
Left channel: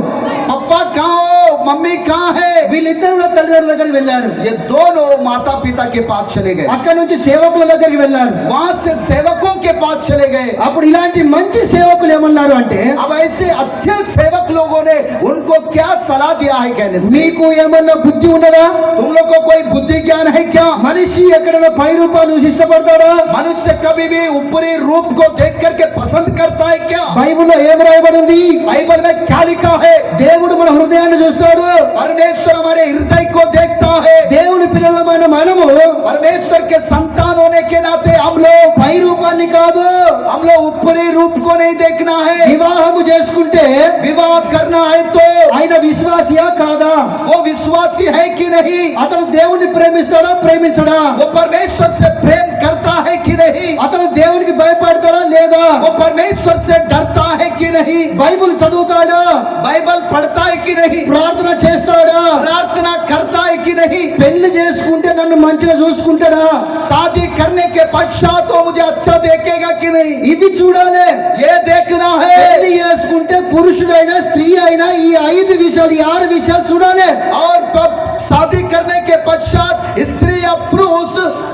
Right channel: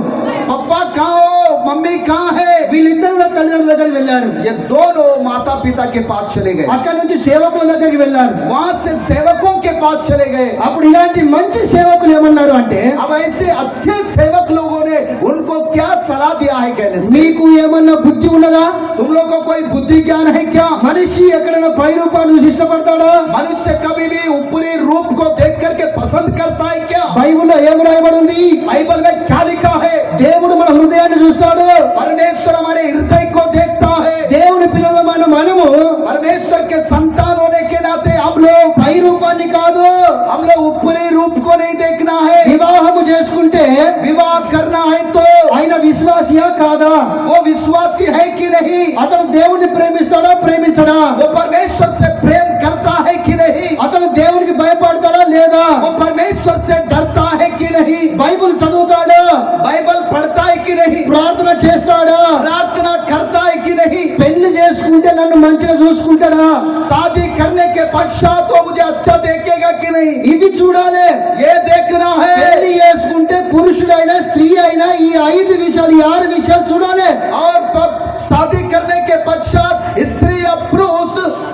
पप्पा कहाँ हो, मम्मी कहाँ है। వీళ్ళిద్దరు కూడా తల్లిదండ్రుల దగ్గరికి వెళ్ళారు. ये दोनों माता पिता के पास चले गए, అక్కడ నుంచి సేవకుల దగ్గరికి వెళ్ళారు. वहां से सेवकों के पास चले गए। అప్పుడు ఇలాంటి మంచి సేవకులు ఏమన్నారు అంటే, अब ऐसे अच्छे सेवक लोगों ने उनको क्या सलाह दिया है कहने से, మీకు ఏమన్నా బుద్ధి ఉన్నదా, तुम लोग को कोई बुद्धि ज्ञान है क्या। మనిషి ఎక్కడైనా పై రూపాన్ని ఇష్టపడతాడా, मनुष्य कभी भी ऊपरी रूप को देख करके पसंद करता है क्या। బైబిల్లో ఏం రాయబడి ఉంది, बाइबल में क्या लिखा है, దేవుడు మన హృదయాన్ని చూస్తాడు. परमेश्वर हमारे हृदय को देखता है। దేవుని పిల్లలమైన మనము परमेश्वर के संतान होने के नाते हम लोग పై రూపాన్ని కాదు, ऊपरी रूप को नहीं देखना है। వివాహము చేసుకుంటే विवाह करना है तो ఆయన విశ్వాసియా కాదా, वो विश्वासी है कि नहीं, అతను దేవుని ప్రేమిస్తాడా ప్రేమించడా, वो परमेश्वर से प्रेम करता है कि नहीं, అతను దేవునికి భయపడతాడా లేదా, वो परमेश्वर से डरता है कि नहीं, బైబిల్ చదువుతాడా, बाइबल पढ़ता है कि नहीं, ప్రార్థన చేస్తాడా, प्रार्थना करता है कि नहीं, పెళ్లి చేసుకుంటే నన్ను మంచిగా చూసుకుంటాడా, शादी करने के पश्चात वो मुझे अच्छा देखेगा कि नहीं, ఇవి చూడాలి. ये देखना है। పెళ్లి చేసుకుంటే పురుషుడైనా స్త్రీ అయినా ఈ 5 విషయాలు, ఈ 6 విషయాలు చూడాలి. और शादी करने के पश्चात स्त्री या पुरुष,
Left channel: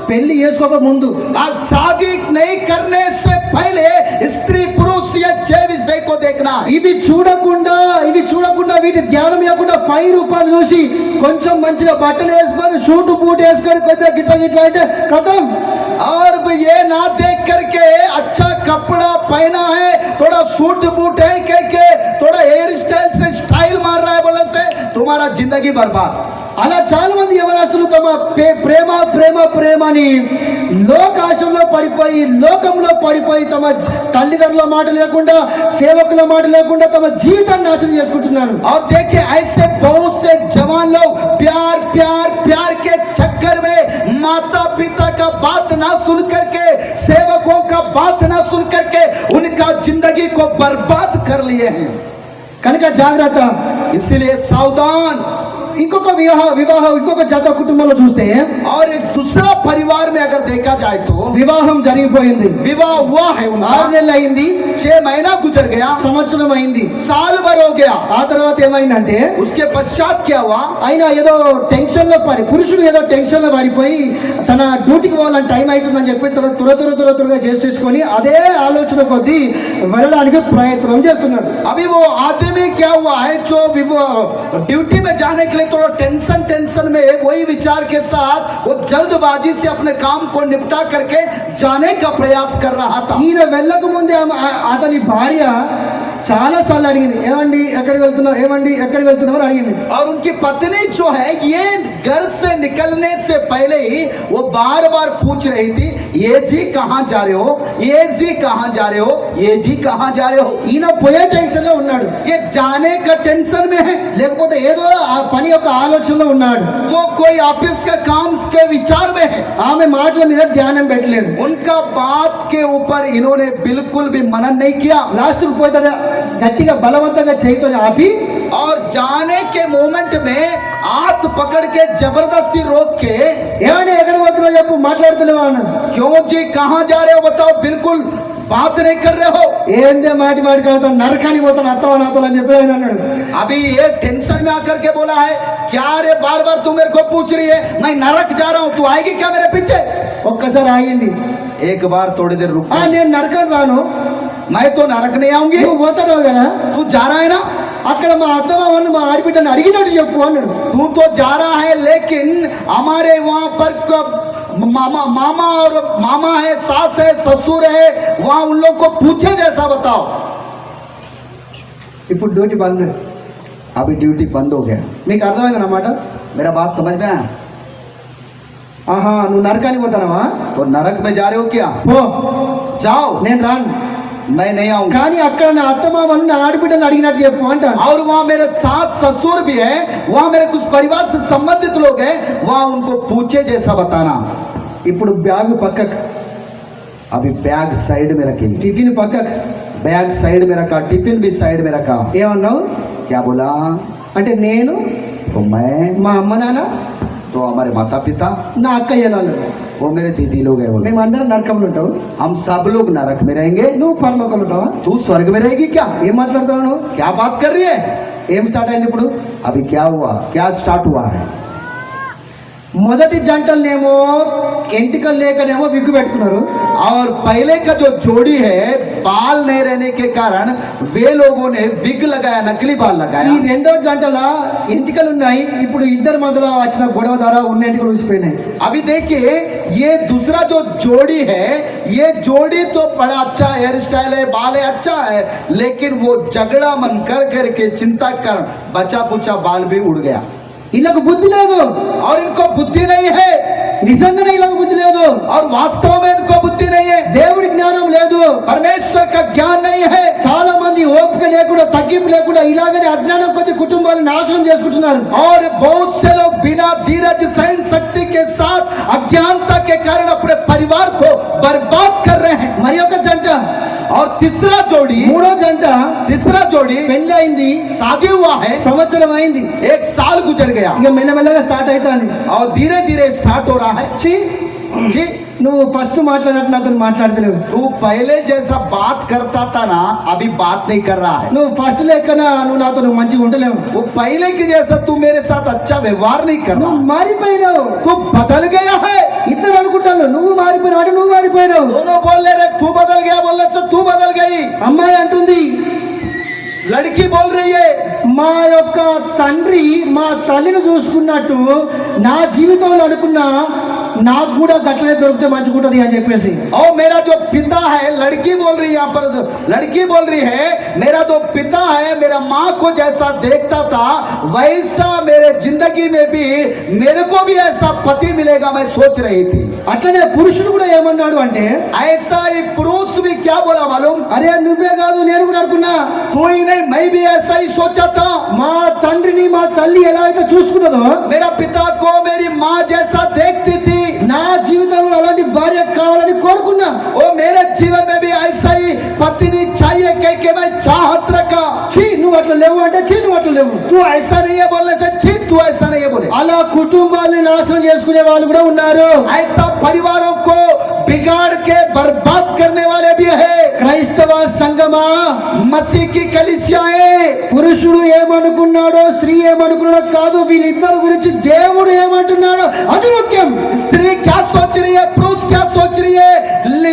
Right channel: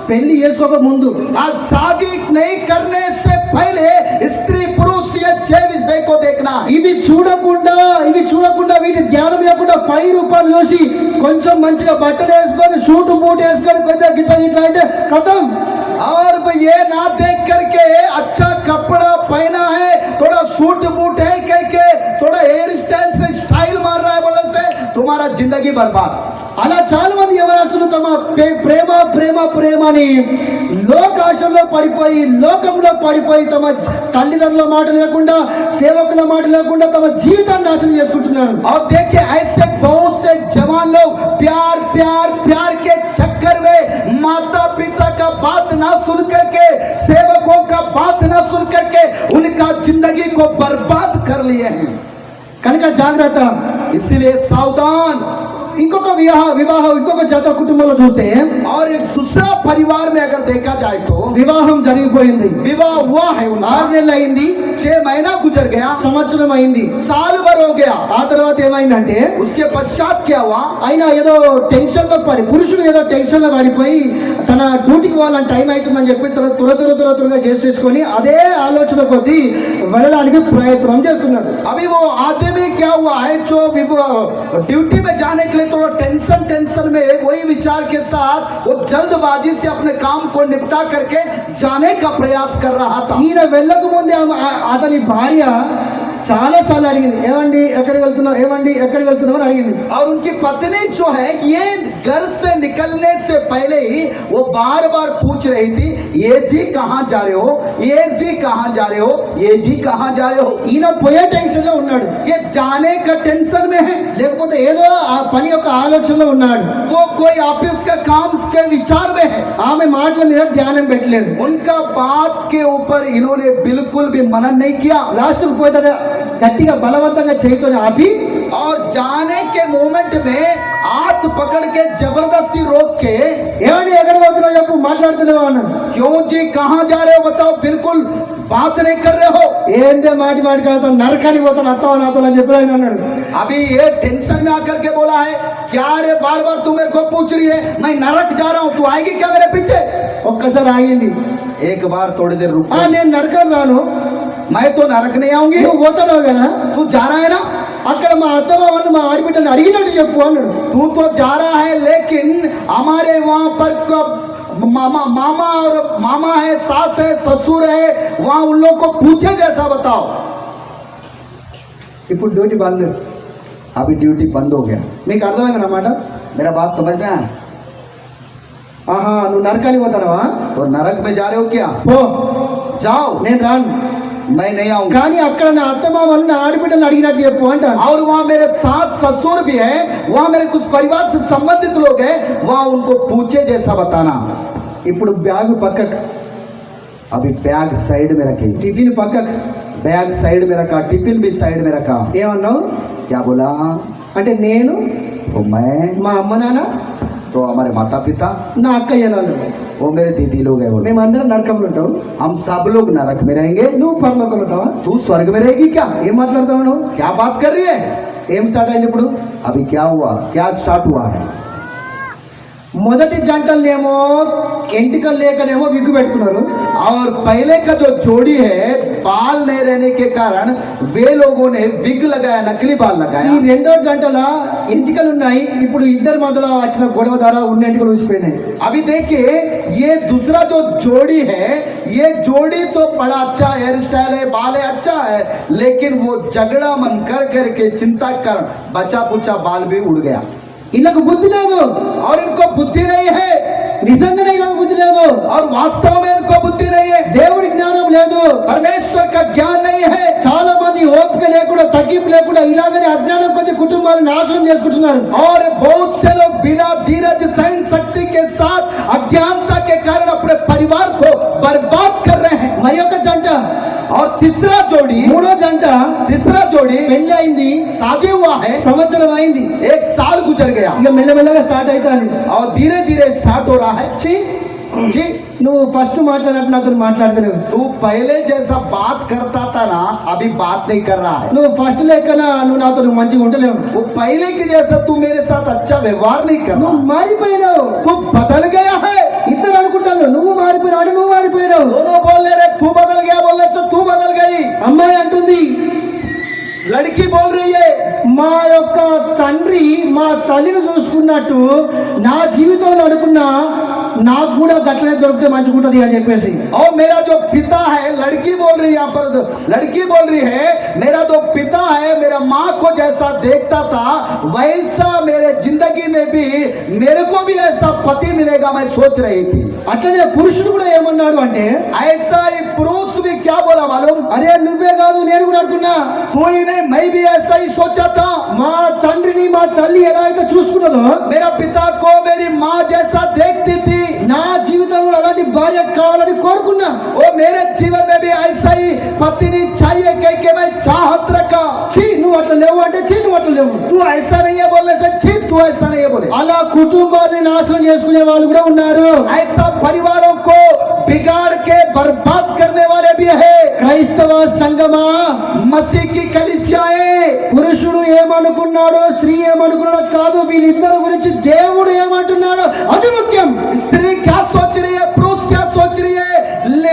పెళ్లి చేసుకోక ముందు आज शादी नहीं करने से पहले स्त्री पुरुष ये 6 विषय को देखना है। ఇవి చూడకుండా వీటి ధ్యానం లేకుండా పై రూపాలు చూసి కొంచెం మంచిగా బట్టలు వేసుకొని షూట్ బూట్ వేసుకొని కొంచెం గిట్లా అంటే కథం. और ये ना देख करके अच्छा कपड़ा पहना है, थोड़ा सूट बूट है कह के थोड़ा हेयर स्टाइल से स्टाइल मार रहा है बोले से तुम्हारा जिंदगी बर्बाद। అలా చాలా మంది యవనస్తులు తమ ప్రేమ ప్రేమ ప్రేమ అని లోకాశంలో పడిపోయి లోకంలో పడిపోయి తమ తల్లిదండ్రుల మాట లేకుండా సేవకుల మాట లేకుండా తమ జీవితాన్ని నాశనం చేసుకుంటున్నారు. और देखिए ऐसे बहुत से जवान लोग प्यार प्यार प्यार के चक्कर में माता पिता का बात ना सुन करके, सेवकों का बात ना सुन करके उनका जिंदगी को बर्बाद कर लिए हैं। కనుక జాగ్రత్త. इसीलिए सावधान। ఇంకొక వివాహం ఇంకొక జత కుటుంబంలో చూస్తే और एक दूसरा परिवार में अगर देखा जाए तो వివాహం జరిగిపోయింది, विवाह हुआ है उनका, 6 నెలలు అయింది, 6 महीना गुजर गया, సంవత్సరం అయింది. साल भर हो गया। ఆ తర్వాత ఏమైందంటే उसके पश्चात क्या हुआ? ఆయన ఏదో టెన్షన్ లో పడి, పురుషుడు ఏదో టెన్షన్ లో పడిపోయి తన డ్యూటీకి వాళ్ళని టైం అవుతుందని చెప్పి త్వరగా చేసేసుకొని అదే ఆలోచన కొద్దీ వెళ్ళడానికి ప్రయత్నం చేస్తున్నాడు. अभी वो आदमी क्या हुआ है जो ड्यूटी में जाने के लिए थोड़ा टेंशन में वही विचार के साथ वो जल्दबाजी से अपने काम को निपटा करके जाने का प्रयास कर रहा था। ఈయన వెళ్ళక ముందే అతని భార్య చాలా సార్లు అడిగింది, ఏమండి ఎక్కడికి వెళ్తున్నావు, ఏమండి ఎక్కడికి వెళ్తున్నావు అని అడిగింది. और उनकी पत्नी जो है ये घर से निकलने से पहले ही वो बार बार पूछ रही थी, ये जी कहाँ जा रहे हो, ये जी कहाँ जा रहे हो, ये जी कहाँ जा रहे हो। ఈయన పోయే టెన్షన్ లో ఉన్నాడు, ये जाने का टेंशन में है, లేకపోతే ఏదో ఆ పని యొక్క ఆలోచనలో ఉన్నాడు, वो कोई ऑफिस के काम के विचार में है। ఆమె మాటల మీద ధ్యానం పెట్టలేదు. उनका बात के ऊपर इन्होंने बिल्कुल भी मनन नहीं किया। లాస్ట్కు పోతే గట్టిగా బలవంతంగా చేయితోని ఆపి और जाने के मोमेंट में हाथ पकड़ के जबरदस्ती रोक के, ఏమండి ఎక్కడికి వెళ్తున్నావు చెప్పు, మాట్లాడుతున్నావా అన్నాడు. क्यों जी कहाँ जा रहे हो बताओ, बिल्कुल बात नहीं कर रहे हो। ఏందే మాటి కాదు, నరకానికి పోతాను అత్తవా నాతో అని చెప్పి ఆయన అన్నాడు. अभी ये टेंशन में आकर के बोला है, क्या रे बार बार तू मेरे को पूछ रही है, मैं नरक जा रहा हूँ, तू आएगी क्या मेरे पीछे। ఒక్కసారి ఆగింది. एक बार थोड़ी देर रुक, నేను నరకం రాను, मैं तो नरक नहीं आऊंगी, నువ్వు పోతున్నావు కదా, तू जा रहा है ना, అక్కడ మా అత్తమ్మ వాళ్ళు మా ఆడబిడ్డని అడిగినట్టు చెప్పు అన్నాడు. तू तो जा रहा है लेकिन हमारे वहाँ पर मामा है, सास है, ससुर है, वहाँ उन लोग को पूछे जैसा बताओ। ఇప్పుడు డ్యూటీ బంద్. अभी ड्यूटी बंद हो गया। మీకు అర్థమైంది అన్నమాట. मेरा बात समझ में आया? ఆహా, నువ్వు నరకానికి పోతానవా, तो नरक में जा रहे हो क्या, పో, जाओ, నేను రాను, मैं नहीं आऊंगा। కానీ అక్కడ నా అత్తమ్మ వాళ్ళు నా ఆడబిడ్డలు అడిగినట్టు చెప్పు అంటాను. और वहाँ मेरे सास ससुर भी है, वहाँ मेरे कुछ परिवार से संबंधित लोग हैं, वहाँ उनको पूछे जैसा बताना। ఇప్పుడు బ్యాగ్ పక్కకు, अभी बैग साइड में रखी, టిఫిన్ పక్కకు. बैग साइड में रखा, टिफिन भी साइड में रखा। ఏమన్నావు क्या बोला? అంటే నేను, तो मैं, మా అమ్మ నాన్న, तो हमारे माता पिता, నా అక్కయ్య వాళ్ళు, वो मेरे दीदी लोग हैं, बोले మేమందరం నరకంలో ఉంటావు, हम सब लोग नरक में रहेंगे, నువ్వు పరలోకంలో ఉంటావా. तू स्वर्ग में रहेगी क्या। ఏం మాట్లాడుతున్నావు నువ్వు, क्या बात कर रही है? ఏం స్టార్ట్ అయింది ఇప్పుడు. अभी क्या हुआ, क्या स्टार्ट हुआ है? మొదటి జంటలనేమో ఎంటికలు లేకనేమో విగ్గు పెట్టుకున్నారు. और पहले का जो जोड़ी है बाल नहीं रहने के कारण वे लोगों ने विग लगाया, नकली बाल ఈ लगाया। రెండో జంటల ఎంటికలు ఉన్నాయి, ఇప్పుడు ఇద్దరి మధ్యలో వచ్చిన గొడవ ద్వారా ఉన్న ఎంటికలు ఊసిపోయినాయి. अभी देखिए ये दूसरा जो जोड़ी है, ये जोड़ी तो बड़ा अच्छा हेयर स्टाइल है, बाल है, अच्छा है, लेकिन वो झगड़ा मन कर करके चिंता कर बचा पुचा बाल भी उड़ गया। వీళ్ళకు బుద్ధి లేదు, और इनको बुद्धि नहीं है, నిజంగానే వీళ్ళకు బుద్ధి లేదు, और वास्तव में इनको बुद्धि नहीं है, దేవుడి జ్ఞానం లేదు, परमेश्वर का ज्ञान नहीं है। చాలా మంది ఓపిక లేకుండా తగ్గింపు లేకుండా ఇలాగనే అజ్ఞానం కొద్ది కుటుంబాలను నాశనం చేసుకుంటున్నారు. और बहुत से लोग बिना धीरज सहन शक्ति के साथ अज्ञानता के कारण अपने परिवार को बर्बाद कर रहे हैं। మరి ఒక జంట, और तीसरा जोड़ी, మూడో జంట तीसरा जोड़ी పెళ్లి అయింది, शादी हुआ है, సంవత్సరం అయింది, 1 साल गुजर गया ఇక మెల్లమెల్లగా స్టార్ట్ అవుతాను. और धीरे धीरे स्टार्ट हो रहा है। जी, నువ్వు ఫస్ట్ మాట్లాడినట్టు నాతో మాట్లాడతలేవు, तू पहले जैसा बात करता था ना, अभी बात नहीं कर रहा है। నువ్వు ఫస్ట్ లెక్కన నువ్వు నాతో నువ్వు మంచిగా ఉంటలేవు, वो पहले की जैसा तू मेरे साथ अच्छा व्यवहार नहीं कर रहा, నువ్వు మారిపోయినావు. तू बदल गया है। ఇద్దరు అనుకుంటాను నువ్వు మారిపోయినావు అంటే నువ్వు మారిపోయినావు. दोनों बोल रहे तू बदल गया, बोलने से तू बदल गई। అమ్మాయి అంటుంది, लड़की बोल रही है మా యొక్క తండ్రి మా తల్లిని చూసుకున్నట్టు నా జీవితంలో అనుకున్నా నాకు కూడా గట్లనే దొరికితే మంచిగా ఉంటుంది అని చెప్పేసి. और मेरा जो पिता है, लड़की बोल रही है यहाँ पर, लड़की बोल रही है मेरा जो पिता है मेरा माँ को जैसा देखता था वैसा मेरे जिंदगी में भी मेरे को भी ऐसा पति मिलेगा, मैं सोच रही थी। అట్లనే పురుషుడు కూడా ఏమన్నాడు అంటే, ऐसा ही पुरुष भी क्या बोला मालूम, అరే నువ్వే కాదు నేను కూడా అనుకున్నా, तू ही नहीं मैं भी ऐसा ही सोचा था। మా తండ్రిని మా తల్లి ఎలా అయితే చూసుకున్నదో मेरा पिता को मेरी माँ जैसा देखती थी, నా జీవితంలో అలాంటి భార్య కావాలని కోరుకున్నా. वो मेरे जीवन में भी ऐसा ही पत्नी चाहिए कह के मैं चाहत रखा। ఛీ, నువ్వు నువ్వు అట్లా లేవు అంటే చీ నువ్వు అట్లా లేవు. तू ऐसा नहीं है बोलने से छी तू ऐसा नहीं है बोले. అలా కుటుంబాన్ని నాశనం చేసుకునే వాళ్ళు కూడా ఉన్నారు. ऐसा परिवारों को बिगाड़ के बर्बाद करने वाले भी है. క్రైస్తవ సంఘమా, मसीह की कलीसियाएं, పురుషుడు ఏమనుకున్నాడో స్త్రీ ఏమనుకున్నాడో కాదు, వీళ్ళిద్దరి గురించి దేవుడు ఏమంటున్నాడో అది ముఖ్యం. स्त्री क्या सोच रही है, पुरुष क्या सोच रही है,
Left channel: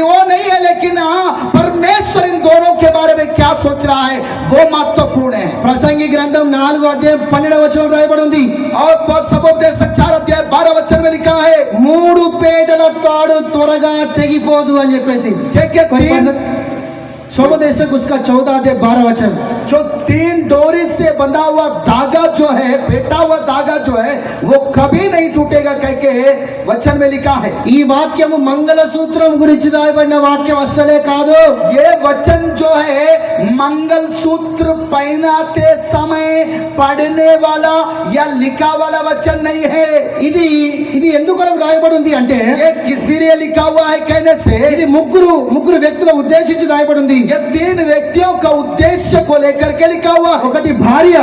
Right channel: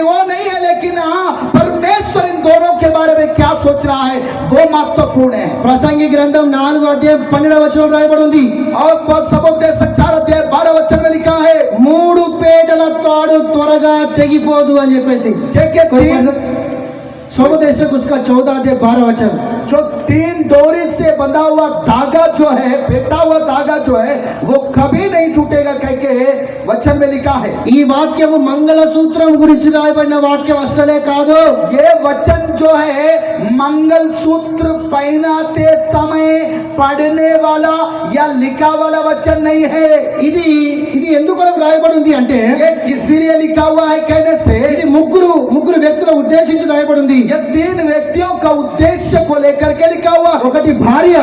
वो नहीं है, लेकिन हाँ परमेश्वर इन दोनों के बारे में क्या सोच रहा है वो महत्वपूर्ण है. ప్రసంగి గ్రంథం 4:12 రాయబడి ఉంది. और सबोपदेश 4:12 में लिखा है, 3 పేటల తాడు త్వరగా తెగిపోదు అని చెప్పేసి. सोमदेशक उसका 14:12 जो 3 डोरी से बंधा हुआ धागा जो है, बेटा हुआ धागा जो है वो कभी नहीं टूटेगा कह के वचन में लिखा है. ఈ వాక్యము మంగళ సూత్రం గురించి రాయబడిన వాక్యం అసలే కాదు. ये वचन जो है मंगल सूत्र पहनाते समय पढ़ने वाला या लिखा वाला वचन नहीं है. ఇది ఎందుకు రాయబడి ఉంది అంటే ये किसी लिए लिखा हुआ है कहने से, ఇది ముగ్గురు వ్యక్తుల ఉద్దేశించి రాయబడి ఉంది. ये 3 व्यक्तियों का उद्देश्य को लेकर के लिखा हुआ. ఒకటి భార్య,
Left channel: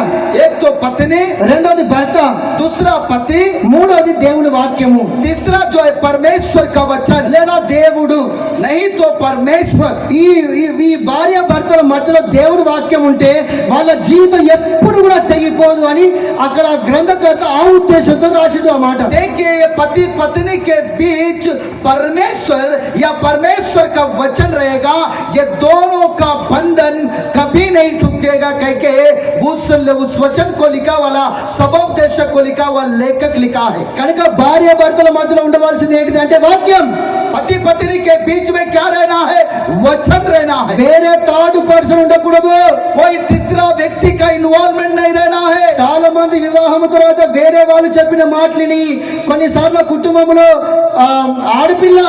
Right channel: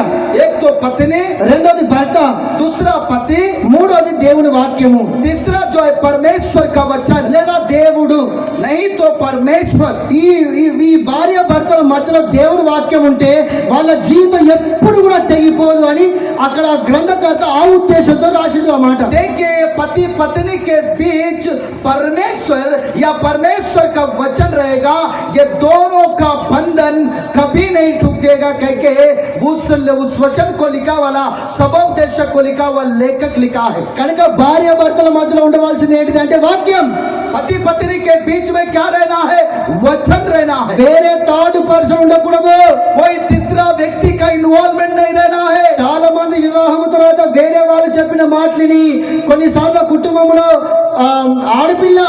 एक तो पत्नी, రెండోది భర్త, दूसरा पति, మూడోది దేవుని వాక్యము. तीसरा जो है परमेश्वर का वचन, లేదా దేవుడు. नहीं तो परमेश्वर. ఈ భార్య భర్తల మధ్యలో దేవుడి వాక్యం ఉంటే వాళ్ళ జీవితం ఎప్పుడు కూడా తెగిపోదు అని అక్కడ గ్రంథకర్త ఆ ఉద్దేశంతో రాసిండు ఆ మాట. देखिए ये पति पत्नी के बीच परमेश्वर या परमेश्वर का वचन रहेगा, ये दोनों का बंधन कभी नहीं टूटेगा कह के उस वचन को लिखा वाला सबोपदेशक को लिखा हुआ लेखक लिखा है. కనుక భార్య భర్తల మధ్యలో ఉండవలసింది ఏంటిది అంటే వాక్యం. पति पत्नी के बीच में क्या रहना है, वचन रहना है. వేరే థర్డ్ పర్సన్ ఉండకూడదు. कोई तीसरा व्यक्ति का इन्वॉल्वमेंट नहीं रहना है. చాలా మంది వివాహం తర్వాత వేరే వాళ్ళు చెప్పిన మాటలని కొన్నిసార్లు కుటుంబంలో ఆడపిల్ల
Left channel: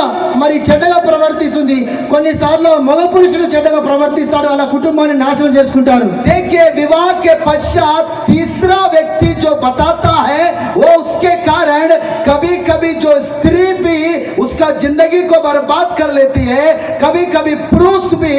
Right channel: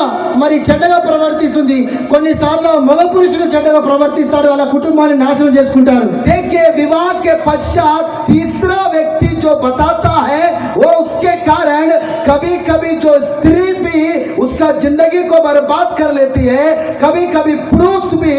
మరి చెడ్డగా ప్రవర్తిస్తుంది, కొన్నిసార్లు మగ పురుషుడు చెడ్డగా ప్రవర్తిస్తాడు, అలా కుటుంబాన్ని నాశనం చేసుకుంటారు. देखिए विवाह के पश्चात तीसरा व्यक्ति जो बताता है वो उसके कारण कभी कभी जो स्त्री भी उसका जिंदगी को बर्बाद कर लेती है, कभी कभी पुरुष भी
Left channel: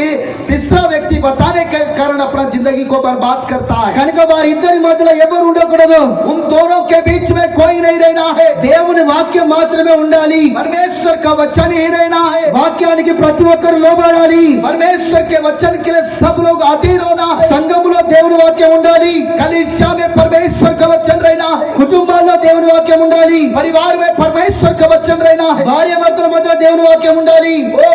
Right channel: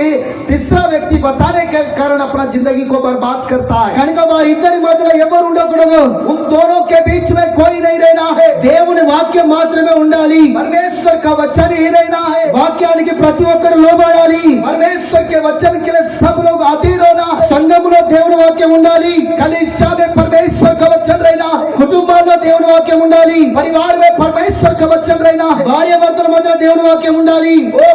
तीसरा व्यक्ति बताने के कारण अपना जिंदगी को बर्बाद करता है. కనుక వారిద్దరి మధ్యలో ఎవరు ఉండకూడదు. उन दोनों के बीच में कोई नहीं रहना है. దేవుని వాక్యం మాత్రమే ఉండాలి. परमेश्वर का वचन ही रहना है. వాక్యానికి ప్రతి ఒక్కరు లోబడాలి. परमेश्वर के वचन के लिए सब लोग अधीन होना है. సంఘములో దేవుని వాక్యం ఉండాలి. कलीसिया में परमेश्वर का वचन रहना है. కుటుంబాల్లో దేవుని వాక్యం ఉండాలి. परिवार में परमेश्वर का वचन रहना है. భార్య భర్తల మధ్య దేవుని వాక్యం ఉండాలి. ओ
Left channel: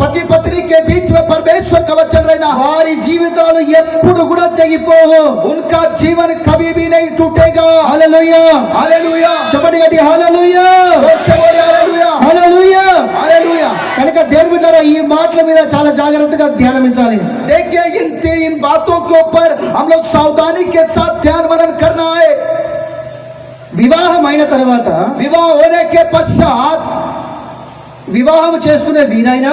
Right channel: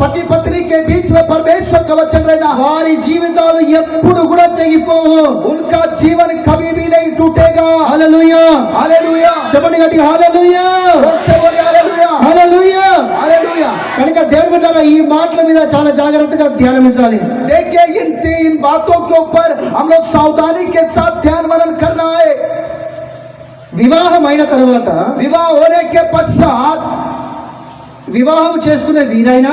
पति पत्नी के बीच में परमेश्वर का वचन रहना है. వారి జీవితాలు ఎప్పుడు కూడా తెగిపోవు. उनका जीवन कभी भी नहीं टूटेगा. హల్లెలూయా, हालेलुया. చెప్పండి గట్టి హల్లెలూయా, जोर से बोलिए हालेलुया. హల్లెలూయా. हालेलुया. కనుక దేవుని బిడ్డలారా ఈ మాటల మీద చాలా జాగ్రత్తగా ధ్యానించాలి. देखिए इन बातों के ऊपर हम लोग सावधानी के साथ ध्यान मनन करना है. వివాహం అయిన తర్వాత विवाह होने के पश्चात వివాహం చేసుకునే వీరైనా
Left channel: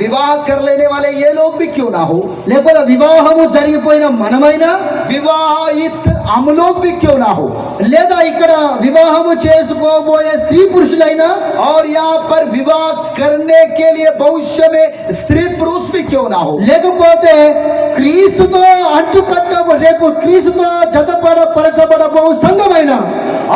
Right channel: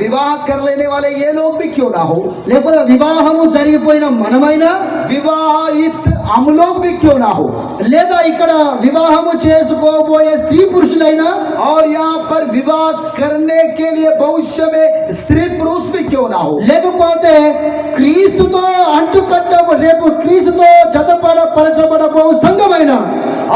विवाह कर लेने वाले ये लोग भी क्यों ना हो, లేకపోతే వివాహము జరిగిపోయిన మనమైనా विवाहित हम लोग भी क्यों ना हो, లేదా ఇక్కడ వివాహము చేసుకోబోయే స్త్రీ పురుషులైనా और यहाँ पर विवाह करने के लिए भविष्य में स्त्री पुरुष भी क्यों ना हो, లేకపోతే క్రీస్తుతో అంటుకట్టబ రేపు క్రీస్తుతో జతపరచబడబో సంఘమైన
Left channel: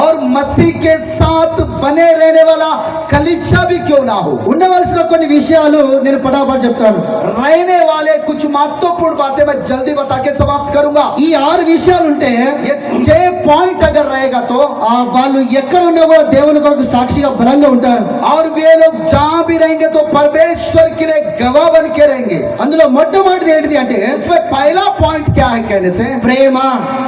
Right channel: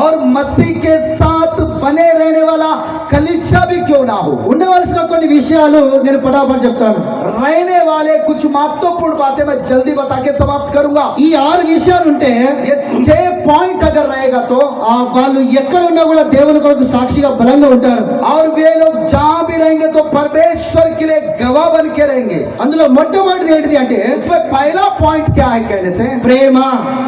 और मसीह के साथ बने रहने वाला कलीसिया भी क्यों ना हो. ఉండవలసిన కొన్ని విషయాలు నేను పటాపట్ చెప్తాను. रहने वाले कुछ महत्वपूर्ण बातें मैं जल्दी बता के समाप्त करूंगा. ఈ 6 విషయాలు ఉంటే ये 6 पॉइंट अगर रहेगा तो వాళ్ళు ఎక్కడ ఉన్నా కూడా దేవుని కొరకు సాక్షిగా బలంగా ఉంటారు. और वे लोग जहां भी रहेंगे तो परमेश्वर के लिए गवाह बन के रहेंगे. అందులో మొట్టమొదటిది ఏంటిది అంటే इसमें पहला पॉइंट क्या है कहने से, ప్రేమ.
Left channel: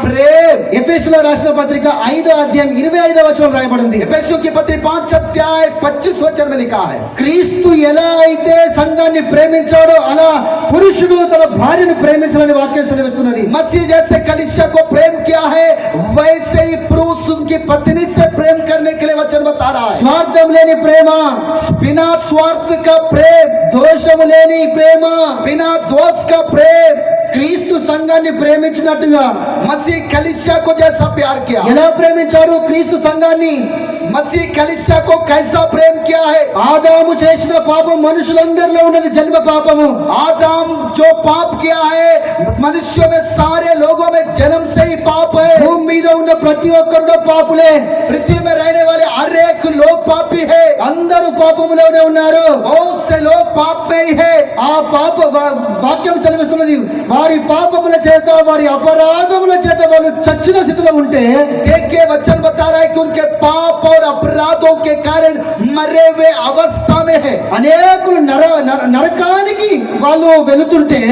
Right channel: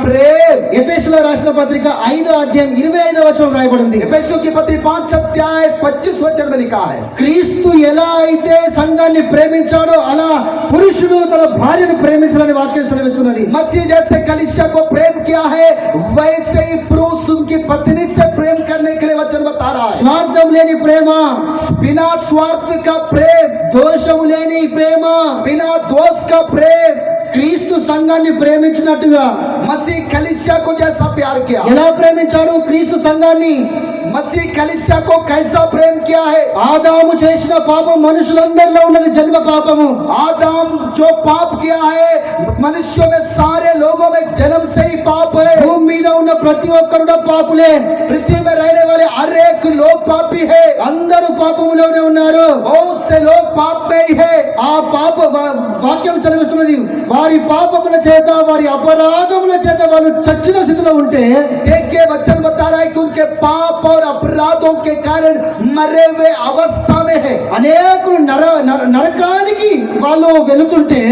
प्रेम. ఎఫెసీయుల రాసిన పత్రిక 5:25 రాయబడింది. एफेसियों की पत्री 5:25 में लिखा है, క్రీస్తు ఎలా అయితే సంఘాన్ని ప్రేమించాడో అలా పురుషుడు తన భార్యను ప్రేమించాలని వాక్యం సెలవిస్తున్నది. मसीह जैसे कलीसिया को प्रेम किया है वैसे ही पुरुष उनकी पत्नी से प्रेम करने के लिए वचन बता रहा है. స్వార్థం లేని ప్రేమ, बिना स्वार्थ का प्रेम, దోషము లేని ప్రేమ, बिना दोष का प्रेम. క్రీస్తు సంఘాన్ని ప్రేమించినట్టుగా मसीह कलीसिया को जैसा प्यार किया, ఎలా ప్రేమించాడు క్రీస్తు సంఘాన్ని? मसीह कलीसिया को कैसा प्रेम किया है. ఆదాము చేసిన పాపం మనుషులందరిలో ఉన్నది జన్మ పాపము. आदम जो पाप किया है मनुष्यों में सारे लोगों में जन्म से ही पाप है। భూమి మీద ఉన్న ప్రతి ఒక్కరు పాపులే, पृथ्वी में रहने वाले हर एक लोग पापी है। అందరూ పాపములోనే ఉన్నారు. बहुत से लोग पाप में ही है। ఆ పాప వాక్యం సెలవిస్తున్నది, వారి పాపముల చేత వారి అపరాధముల చేత వాళ్ళు చచ్చిన స్థితిలో ఉంటే, देखिए वचन बता रहा है कि उनके पाप और अपराधों के कारण मरे हुए अवस्था में है। అనేకులు నరకానికి వాళ్ళు వెళుతుంటే,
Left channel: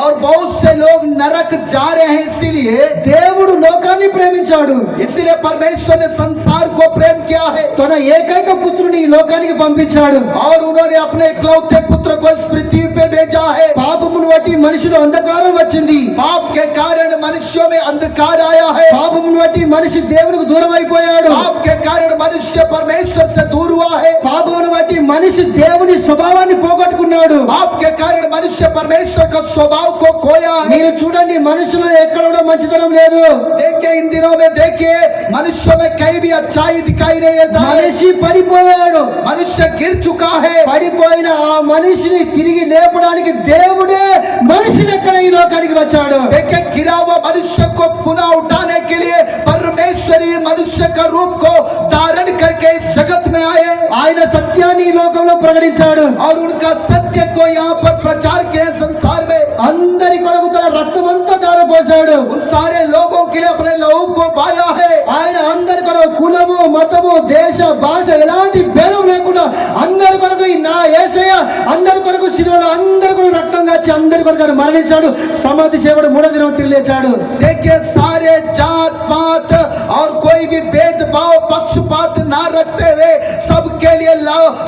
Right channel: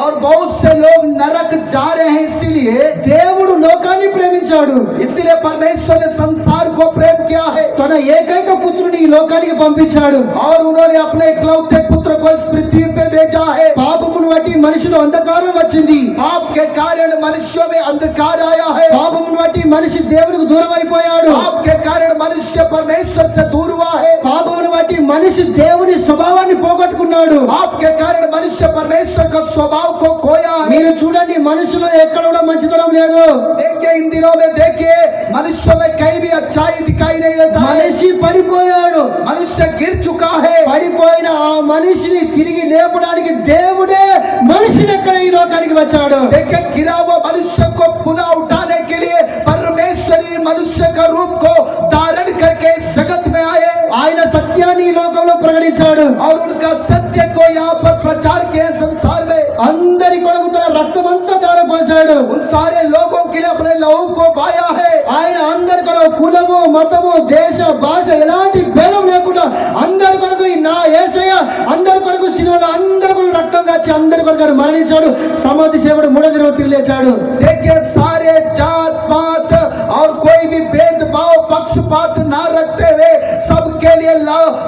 और बहुत से लोग नरक जा रहे हैं। इसीलिए దేవుడు లోకాన్ని ప్రేమించాడు. इसलिए परमेश्वर ने संसार को प्रेम किया है తన ఏకైక పుత్రుని ఈ లోకానికి పంపించాడు. और उन्होंने अपने इकलौते पुत्र को इस पृथ्वी पे भेजा है। పాపమును బట్టి మనిషిలో అంధకారం వచ్చింది. पाप के कारण मनुष्यों में अंधकार आया है। పాపమును బట్టి మనిషి దేవునికి దూరం అయిపోయాడు. पाप के कारण मनुष्य परमेश्वर से दूर हुआ है। పాపమును బట్టి మనిషి దేవుని స్వభావాన్ని పోగొట్టుకున్నాడు. पाप के कारण मनुष्य परमेश्वर का स्वभाव को खोया है। మీరు చూడండి, మనుషులు ఎక్కడ కూడా మంచితనం లేదు. देखिए इन दिनों में देखिए मनुष्यों में कहीं भी अच्छाई दिखाई नहीं देता है। మనిషి పడిపోయాడు. मनुष्य गिर चुका है। పడిపోయిన ఆ మనిషిని తిరిగి లేపడానికి దేవుడే మనిషి లెక్కన ఈ లోకానికి వచ్చాడు. देखिए गिरा हुआ मनुष्य को पुनः उठाने के लिए परमेश्वरी मनुष्य का रूप को धारण करके इस जगत में आए ఆయన సత్యాన్ని ఈ లోకంలో ప్రకటించాడు. और उनका सत्य को यहाँ पर प्रचार किए संसार में। అందరి కొరకు తన రక్తమంతా ధారపోశాడు. उन सारे लोगों के लिए अपने लहू को बहाया है। ఆయన అందరి కొరకు కులము, మతము, దేశ, భాష ఎలాంటి భేదం లేకుండా అందరి కొరకు నా యేసయ్య అందరి కొరకు శిలువలో అందరి కొరకు రక్తం కాచి అందరి కొరకు ఆయన మరణించాడు. సమాధి చేయబడి మూడో దినం తిరిగి లేచాడు. देखिए सारे जात पात और कोई भी भेदभाव पक्षपात ना रखते हुए सबके लिए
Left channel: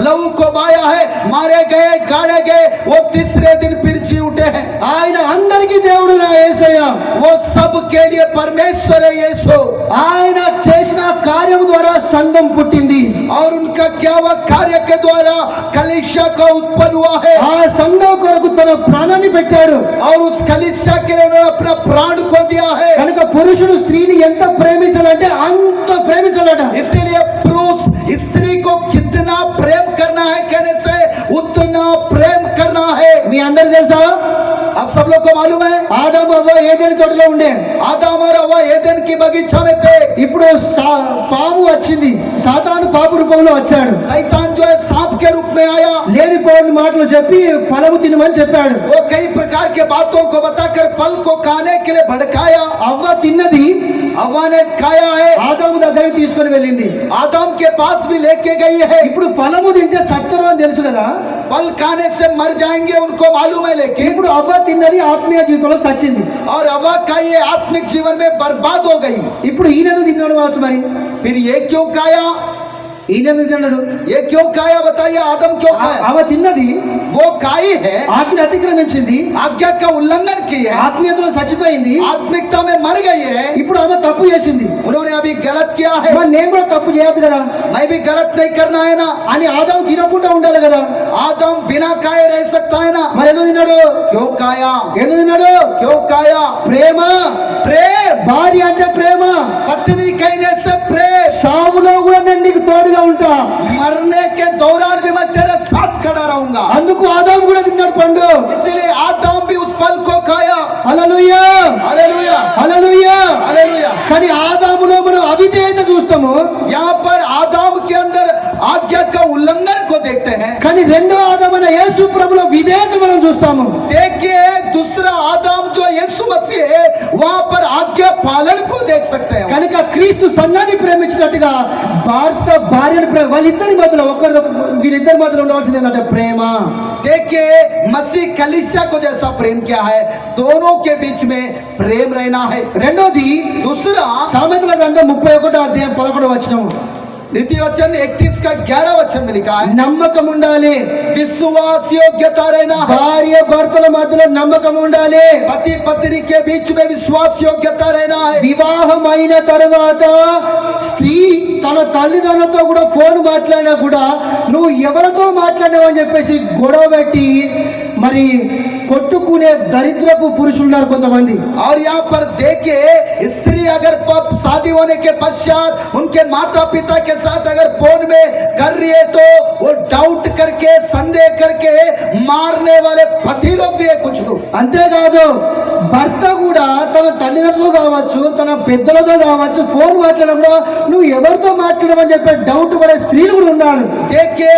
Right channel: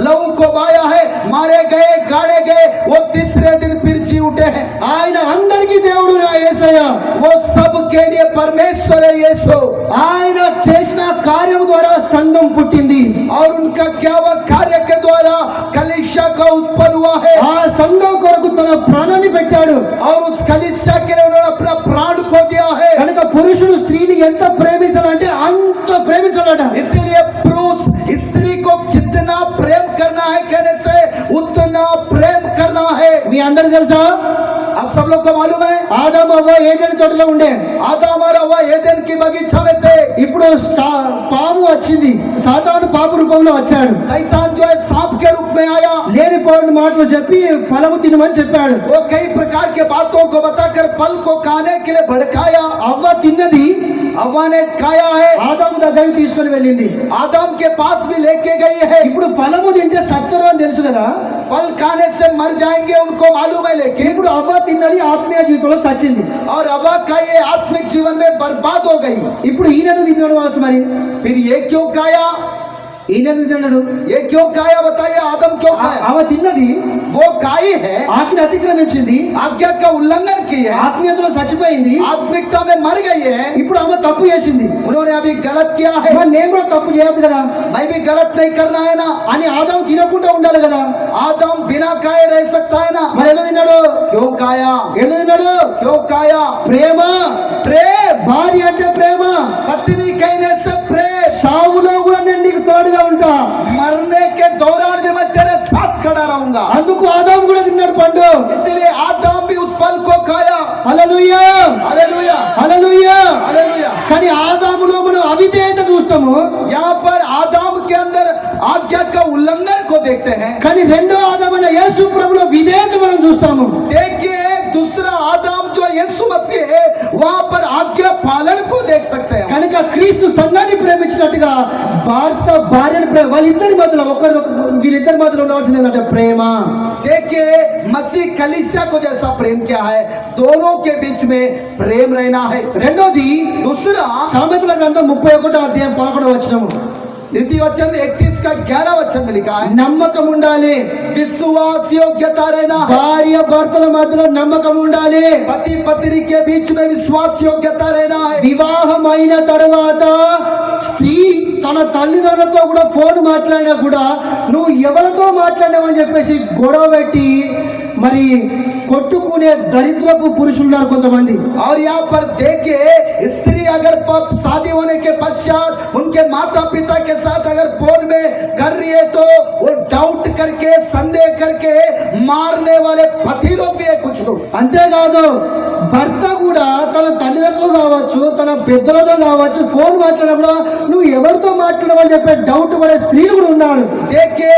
लहू को बहाया है। मारे गए, गाड़े गए, वो तीसरे दिन फिर जी उठे हैं। ఆయన అందరికీ దేవుడు నా యేసయ్య. वो सबके लिए परमेश्वर है यीशु। ఆయన చేసిన కార్యం ద్వారా సంఘం పుట్టింది. और उनका क्या हुआ कार्य के द्वारा कलीसिया का उत्पन्न हुआ है। ఆ సంఘం కొరకు తన ప్రాణాన్ని పెట్టాడు. और उस कलीसिया के लिए उन्होंने अपना प्राण को दिया है। కనుక పురుషుడు స్త్రీని ఎంత ప్రేమించాలంటే అంత ప్రేమించాలట. इसीलिए पुरुष स्त्री को कितना प्रेम करना है कहने से उतना प्रेम करना है। మీ అందరికి తెలుసా, अब सब लोग को मालूम है ఆదాము అవ్వ ఏదెని తోటలో ఉండే. आदम और हव्वा एदेन की बगीचा में थे। ఇప్పుడు పాము వచ్చింది, సాతాను పాము రూపంలో వచ్చాడు. शैतान जो है सांप के रूप में आया। లేనిపోని మాటలు చెప్పి ఫలము తినమని చెప్పాడు. वो कई प्रकार के बातों को बताकर फल को खाने के लिए भड़काया। అవ్వ తిన్నది, हव्वा ने खाया है, ఆదాము దగ్గరికి తీసుకొని వెళ్ళింది. आदम के पास भी लेके गई है। ఇప్పుడు ఫలము తింటే సత్తురు అని తెలుసు కదా. फल खाने से मर जाएंगे उनको मालूम है, लेकिन ఇప్పుడు అవ్వ తిన్నది ఆత్మీయ జీవితంలో చచ్చింది. और हव्वा का ये आत्मिक जीवन में बर्बाद हो गई। ఇప్పుడు ఈయనకు తిన్నాడు వచ్చు. మరి फिर ये क्यों खाया, ఈయనకు తిన్నాడు, ये क्यों खाया बताइए, आदम क्यों खाया। అవ తిన్నది, वो खाई है, ఆజ్ఞ అతిక్రమించింది, आज्ञा का उल्लंघन की है, ఆత్మీయతలో చచ్చిపోయింది. आत्मिकता में मर गई है। ఇప్పుడు ఆమె తప్పు చేసింది. उन्होंने अभी गलत किया है। మరి నేను కూడా తప్పు చేయదు కదా मैं भी गलत नहीं करना है ना। అని ఆదాము తినకుండా ఉండాలి కదా. आदम बिना खाए रह सकता है ना। మరి ఎందుకు తిన్నాడు? क्यों खाया, ఎందుకు తిన్నాడు? क्यों खाया। ప్రేమ. प्रेम, భార్య అంటే ప్రేమ. पत्नी कहने से प्रेम। సావులో కూడా నేను నీకు తోడుగా ఉంటా. मरने के दौरान भी मैं तेरे साथ खड़ा रहूंगा। అందుకు ఆదాము కూడా తిన్నాడు పండు. इसलिए आदम भी उस फल को खाया। హల్లెలూయా, हालेलुया, హల్లెలూయా. हालेलुया। కానీ ఆదాములో మనం అవిధేయత చూస్తాము. यहाँ पर आदम के अंदर आज्ञा का उल्लंघन को देखते हैं। కానీ రెండో ఆదామైన యేసు ప్రభులో విధేయత మనం చూస్తాము. देखिए दूसरा आदम जो यीशु मसीह है वहां पर आज्ञा पालन को देख सकते हैं। కనుక క్రీస్తు సంఘాన్ని ప్రేమించినట్టుగా భర్త భార్యను వాళ్ళిద్దరి మధ్యలో వీళ్ళిద్దరి మధ్యలో ఉండవలసింది ఏంటంటే ప్రేమ. देखिए मसीह कलीसिया को जैसा प्रेम किया है दोनों के बीच में प्रेम रहना है। రెండోది दूसरा సామెతల గ్రంథం 31:11 नीति वचन 31 का 11 वचन में लिखा है నమ్మకం ఉండాలి. विश्वास योग्यता रहना है। భార్య భర్తల మధ్యలో నమ్మకం ఉండాలి. पति पत्नी के बीच में विश्वास योग्यता रहना है। వివాహమైన తర్వాత స్త్రీ తన తల్లిదండ్రులతో కూడా ఫోన్ మాట్లాడినా కూడా నువ్వు ఎవరితో మాట్లాడావు అని చెప్పేసి గొడవ పెట్టి మరి కొట్టుకునే దరిద్రపు పురుషులు ఉన్నారు కొంతమంది. और यहाँ पर देखिए स्त्री अगर शादी होने के पश्चात उनके माता पिता के साथ अगर फोन में कर रही है तो वो डाउट करके संदेह करके मारने वाले पति लोग भी है कुछ लोग। అంతేకాదు భర్త కూడా తన తల్లిదండ్రులు కావచ్చు, తన పెద్దలతో కావచ్చు, ఫోన్ మాట్లాడినప్పుడు నువ్వు ఎవరితో మాట్లాడమని చెప్పే డౌట్ పడే స్త్రీలు కూడా ఉన్నారు. देखिए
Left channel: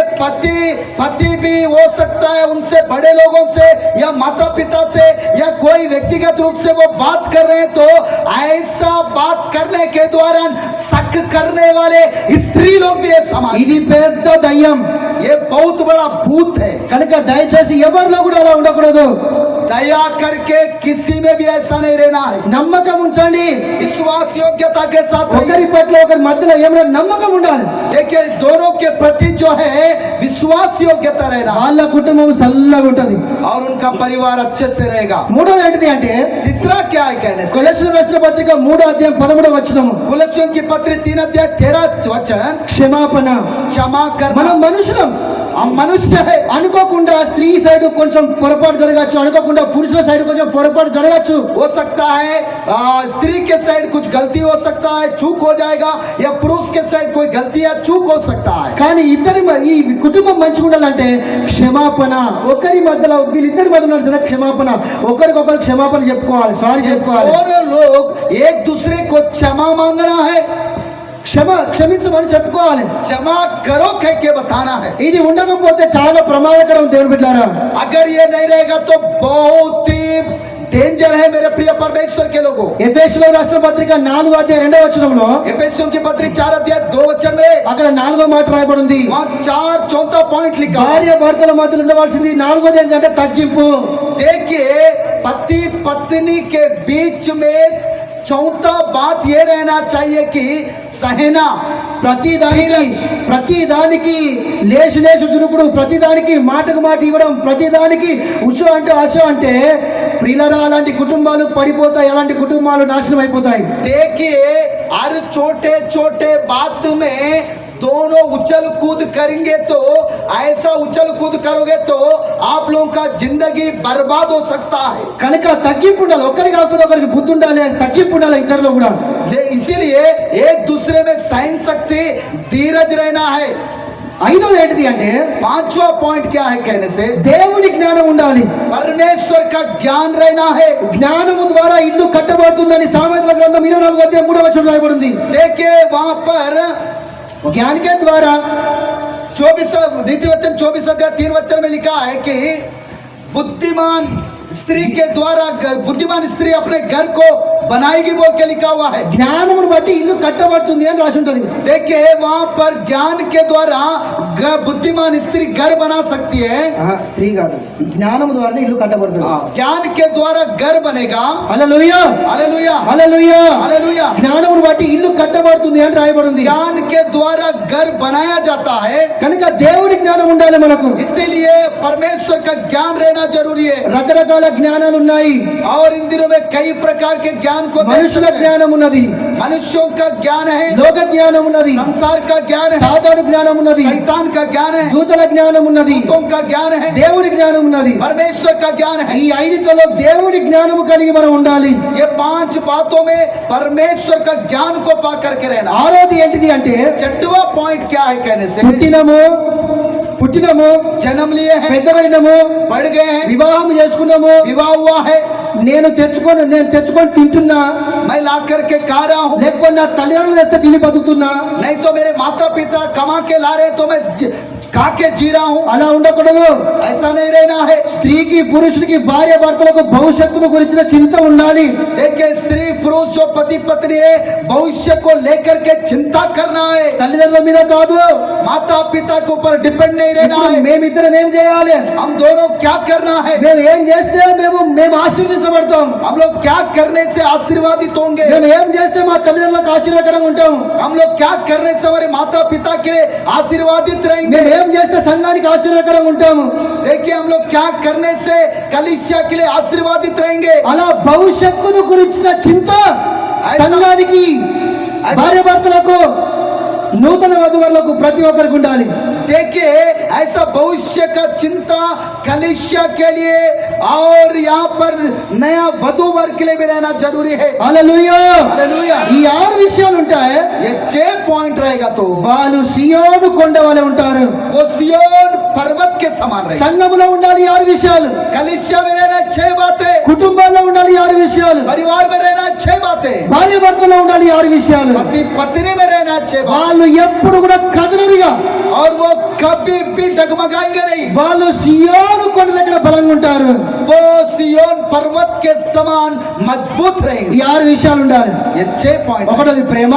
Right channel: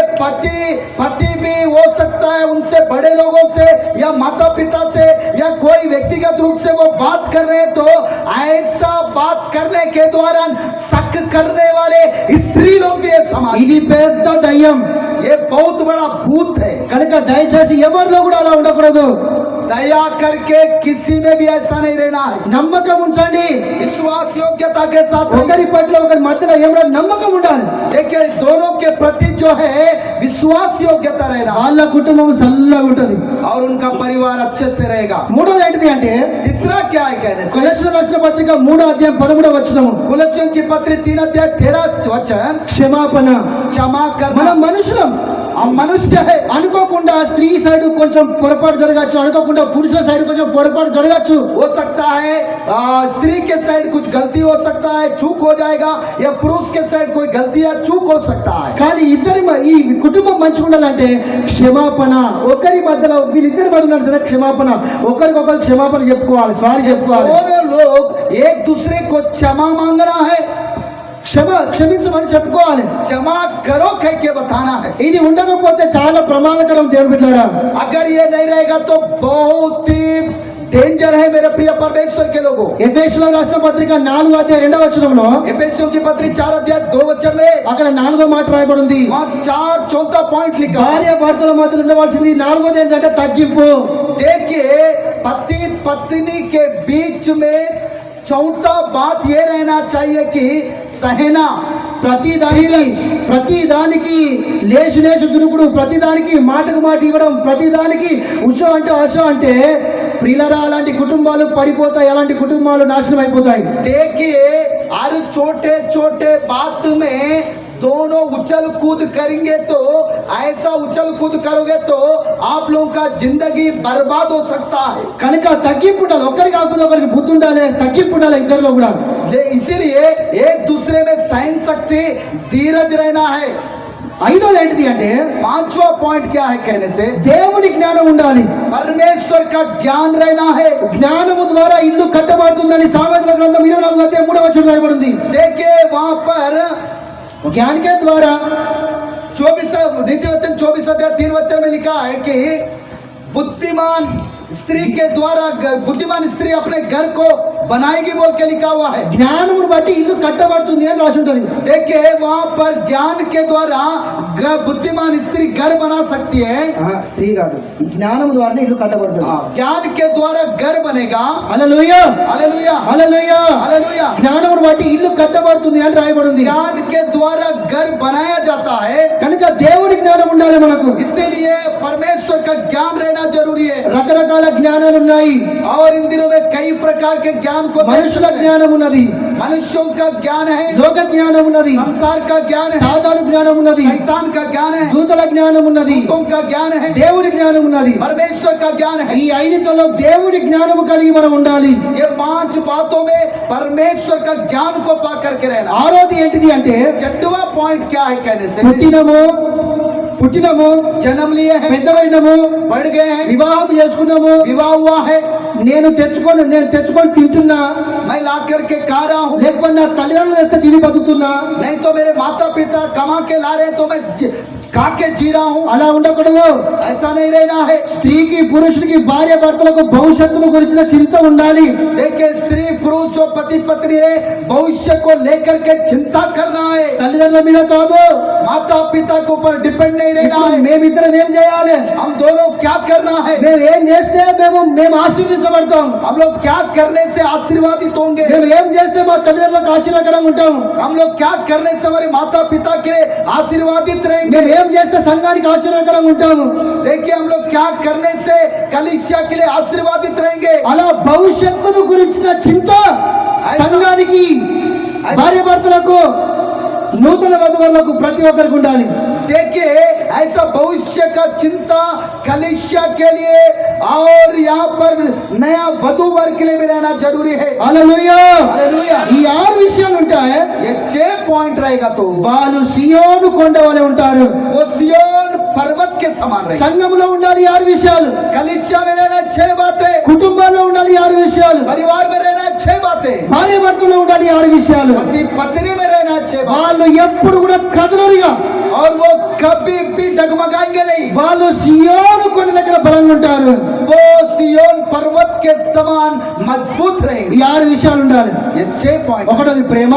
पति भी हो सकता है उनसे बड़े लोगों से या माता पिता से या कोई व्यक्तिगत रूप से वो बात कर रहे हैं, तो ऐसा बात करने के दौरान शक करने वाले स्त्री लोग भी है समाज. ఇది పెద్ద దయ్యం. ये बहुत बड़ा भूत है. కనుక దయచేసి ఎవరిలో కూడా అలా ఉండకూడదు. दया करके किसी में भी ऐसा नहीं रहना है. నమ్మకం ఉంచండి. विश्वास योग्यता के साथ ఒకరి పట్ల ఒకరి మధ్యలో ఏమైనా నమ్మకం ఉండాలి. देखिए दोनों के प्रति जो है विश्वास योग्यता रहना వాళ్ళ కుటుంబం చల్లగా ఉంటది. और उनका परिवार अच्छे से रहेगा. మూడోది ఏంటిది అంటే तीसरा क्या है कहने से, కొలస్సీయులకు రాసిన పత్రిక 3:13 వచనము. कुलस्सियों की पत्री 3:13 वचन, క్షమాపణ. क्षमा करना. మనం మనుషులం. हम मनुष्य है. అనుకోకుండా స్త్రీ సైడ్ కొంచెం పొరపాటు జరగచ్చు, అనుకోకుండా పురుషుల సైడ్ కొంచెం పొరపాటు జరగచ్చు. हो सकता है स्त्री के साइड कुछ गलती हो सकता है, चूक हो जाएगा, या पुरुष के साइड कोई गलती या चूक हो सकता है. కానీ ఈ కుటుంబం మంచిగా ఉండాలంటే క్షమాపణ. ఒకరి మధ్యలో వీళ్ళిద్దరి మధ్యలో క్షమాపణ, ఒకరికొకరు క్షమాపణ చెప్పుకోవాలి, సారీ చెప్పుకోవాలి. दोनों लोग एक दूसरे को क्षमा मांगना है, క్షమించమని చెప్పుకోవాలి. क्षमा करो कह के बताना है. ఇది ఉండకపోతే చాలా ప్రమాదకరం దేవుని బిడ్డలారా. अगर ये नहीं रहेगा तो बहुत ही डेंजर है मेरे प्रिय परमेश्वर के लोगों. ఎఫెసీయులకు రాసిన పత్రిక 4:2 एफेसियों की पत्री 4:2 में అక్కడ 4వ మాట రాయబడింది. वहाँ 4 पॉइंट लिखा है. భార్య భర్తల మధ్యలో ఉండవలసింది 4వది ఏంటంటే తగ్గింపు. देखिए पति पत्नी के बीच में चौथा बात ये रहना चाहिए कि सहना. ప్రతిదానికి లేచి దురుకుడు, ప్రతిదానికి మాటకు మాట ఇవ్వడం, ప్రతిదానికి ఉషో అంటే అశో అంటే ప్రియులరా అలాంటి కుటుంబాలు పడిపోతాయి, అలాంటి కుటుంబాలు నాశనం అయిపోతాయి. देखिए हर छोटे छोटे बात में दोनों उछल कूद करेंगे तो ऐसा उछल कूद करोगे तो आप लोगों का जिंदगी बर्बाद हो सकता है. కనుక తగ్గింపు ఉండాలి. ఒకరికి కాకపోతే ఒకరికి బుద్ధి ఉండాలి, తగ్గింపు ఉండాలి ఇద్దరిలో కూడా. इसीलिए एक दूसरे में सहन शक्ति, धीरज रहना है. 5వది ఏంటిది అంటే 5वां पॉइंट क्या है कहने से, దేవుని జ్ఞానం ఉండాలి. परमेश्वर का ज्ञान रहना है. జ్ఞానము ద్వారా ఇల్లు కట్టబడుతుందని సామెతల గ్రంథం 24:3 రాయబడింది. देखिए वहां पर ज्ञान के द्वारा 24 द्वितीय वचन 24:3 में लिखा है कि बुद्धिमान स्त्री के द्वारा बुद्धिमान स्त्री अपने घर को बनाएगी बोल के लिखा हुआ है. జ్ఞానమును బట్టి ఇల్లు కట్టబడుతుంది అని రాసి ఉంటుంది. देखिए वहां पर ज्ञान के द्वारा बुद्धिमान स्त्री घर बना सकती है. స్త్రీ కాదు, జ్ఞానము ద్వారా ఇల్లు కట్టబడుతుంది. ज्ञान के द्वारा घर बनेगा. Hallelujah hallelujah hallelujah. हालेलुया. జ్ఞానమును బట్టి ఇల్లు కట్టబడుతుంది అని రాయబడింది. ज्ञान के द्वारा घर बनाया जाता है. కనుక దేవుని జ్ఞానం ఉండాలి మనకు. इसलिए परमेश्वर का ज्ञान रहना जरूरी है. రకరకాల జ్ఞానాలు ఉన్నాయి. और इन दिनों में कई प्रकार के ज्ञान को మనుషుల జ్ఞానం ఉన్నది, मनुष्यों का ज्ञान है, లోక జ్ఞానం ఉన్నది, संसार का ज्ञान है, సాధారణ జ్ఞానం ఉన్నది, शैतान का ज्ञान है, దూతల జ్ఞానం ఉన్నది, दूतों का ज्ञान है, దేవుని జ్ఞానం ఉన్నది. परमेश्वर का ज्ञान है. ఈ 5టిలో దేవుని జ్ఞానము కలిగి మనం ఉండాలి. ये 5 बातों में परमेश्वर का ज्ञान को पा करके रहना. 6వది ఏంటిది అంటే 6वां पॉइंट क्या है कहने से, పుట్టినము जन्म लिए हैं, పెద్దవైనము, बढ़ गए हैं, వివాహం చేసుకున్నాము, विवाह हुआ है, నేను తెచ్చుకొని తింటున్నా, मैं ला करके खा रहा हूँ, లేకపోతే నా తల్లిదండ్రులు తెస్తే తిని బతుకుతున్నా. नहीं तो मेरे माता पिता कमा के ला रहे तो मैं खा के जी रहा हूँ. అలా ఉండకూడదు. ऐसा नहीं रहना है. స్త్రీకి పురుషుడికి భార్య భర్తలకు భవిష్యత్తును గురించిన చింత ఉండాలి. देखिए स्त्री पुरुष जो पति पत्नी है भविष्य को लेकर के चिंता करना है. తల్లిదండ్రుల మీద కాదు, माता पिता के ऊपर डिपेंड नहीं रहना ఇప్పుడు है. మేమిద్దరం ఏం చేయాలి, हम दोनों क्या करना है, మేము ఏం చేస్తే మేము ఆశీర్వదించబడతాం, हम लोग क्या करने से आशीर्वादित होंगे, మేము ఏం చేస్తే మా తల్లిదండ్రులకు ఆశీర్వాదకరంగా ఉంటాం, हम लोग क्या करने से हमारे माता पिता के आशीर्वादित रहेंगे. మేము ఏం చేస్తే సంఘానికి ఆశీర్వాదకరంగా ఉంటాము. देखिए हम लोग क्या करने से कलीसिया के लिए आशीर्वादित रहेंगे. అలా భవిష్యత్తును గురించిన చింత సంఘానికి, భార్య భర్తలకు, నూతన వధువులకు ప్రతి ఒక్కరికి ఉండాలి. देखिए ऐसा भविष्य का चिंता कलीसिया के लिए और यहाँ पर नया वधू वर्ग के लिए भी रहना जरूरी है. హల్లెలూయా. हालेलुया. ఈ 6 విషయాలు ఉంటాయి. ये 6 पॉइंट रहेगा तो వాళ్ళు సియోను కొండ వలె ఉంటారు. वो सिय्योन पर्वत के समान रहे। సంఘములో ఉండాలి ఈ 6 విషయాలు, कलीसिया में रहना 6 बातें, కుటుంబాల్లో ఉండాలి ఈ 6 విషయాలు, परिवार में रहना 6 बातें, భార్య భర్తలో ఉండాలి ఈ 6 విషయాలు. पति पत्नी में रहना 6 बातें, వాళ్ళు ఎప్పుడు కూడా కదలరుగా, और वो कभी भी डगमगाएंगे नहीं। వాళ్ళు సియోను కొండ దగ్గర బలంగా ఉంటారు. वो सिय्योन पर्वत के समान मजबूत ఈ रहेंगे। 6 విషయాలు ఉండాలి. ये 6 पॉइंट, ఒకటోది ప్రేమ,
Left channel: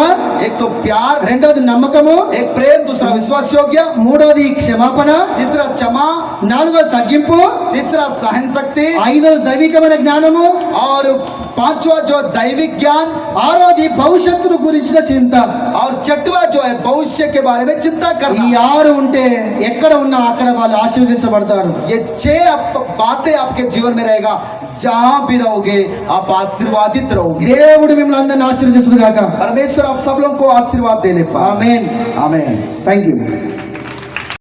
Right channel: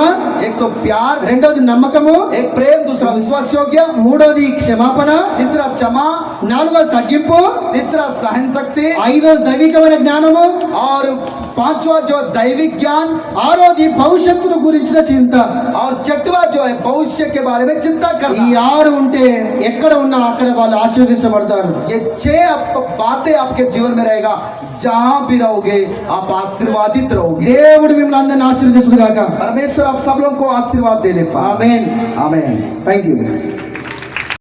एक तो प्यार, రెండోది నమ్మకము, एक प्रेम, दूसरा विश्वास योग्य, మూడోది క్షమాపణ, तीसरा क्षमा, నాలుగోది తగ్గింపు, तीसरा सहन शक्ति, ఐదోది దైవికమైన జ్ఞానము, और पांचवा जो दैविक ज्ञान, ఆరోది భవిష్యత్తును గురించిన చింత. और छठवा जो है भविष्य के बारे में चिंता ఈ करना। 6 ఉంటే ఎక్కడ ఉన్నా అక్కడ వాళ్ళు ఆశీర్వదించబడతారు. ये 6 बातें आपके जीवन में रहेगा, जहां भी रहोगे आप आशीर्वादित रहोगे। దేవుడు మిమ్మల్ని అందరిని ఆశీర్వదించును గాక. परमेश्वर आप सब लोगों को आशीर्वाद दे ले। ఆమేన్. आमीन। థాంక్యూ.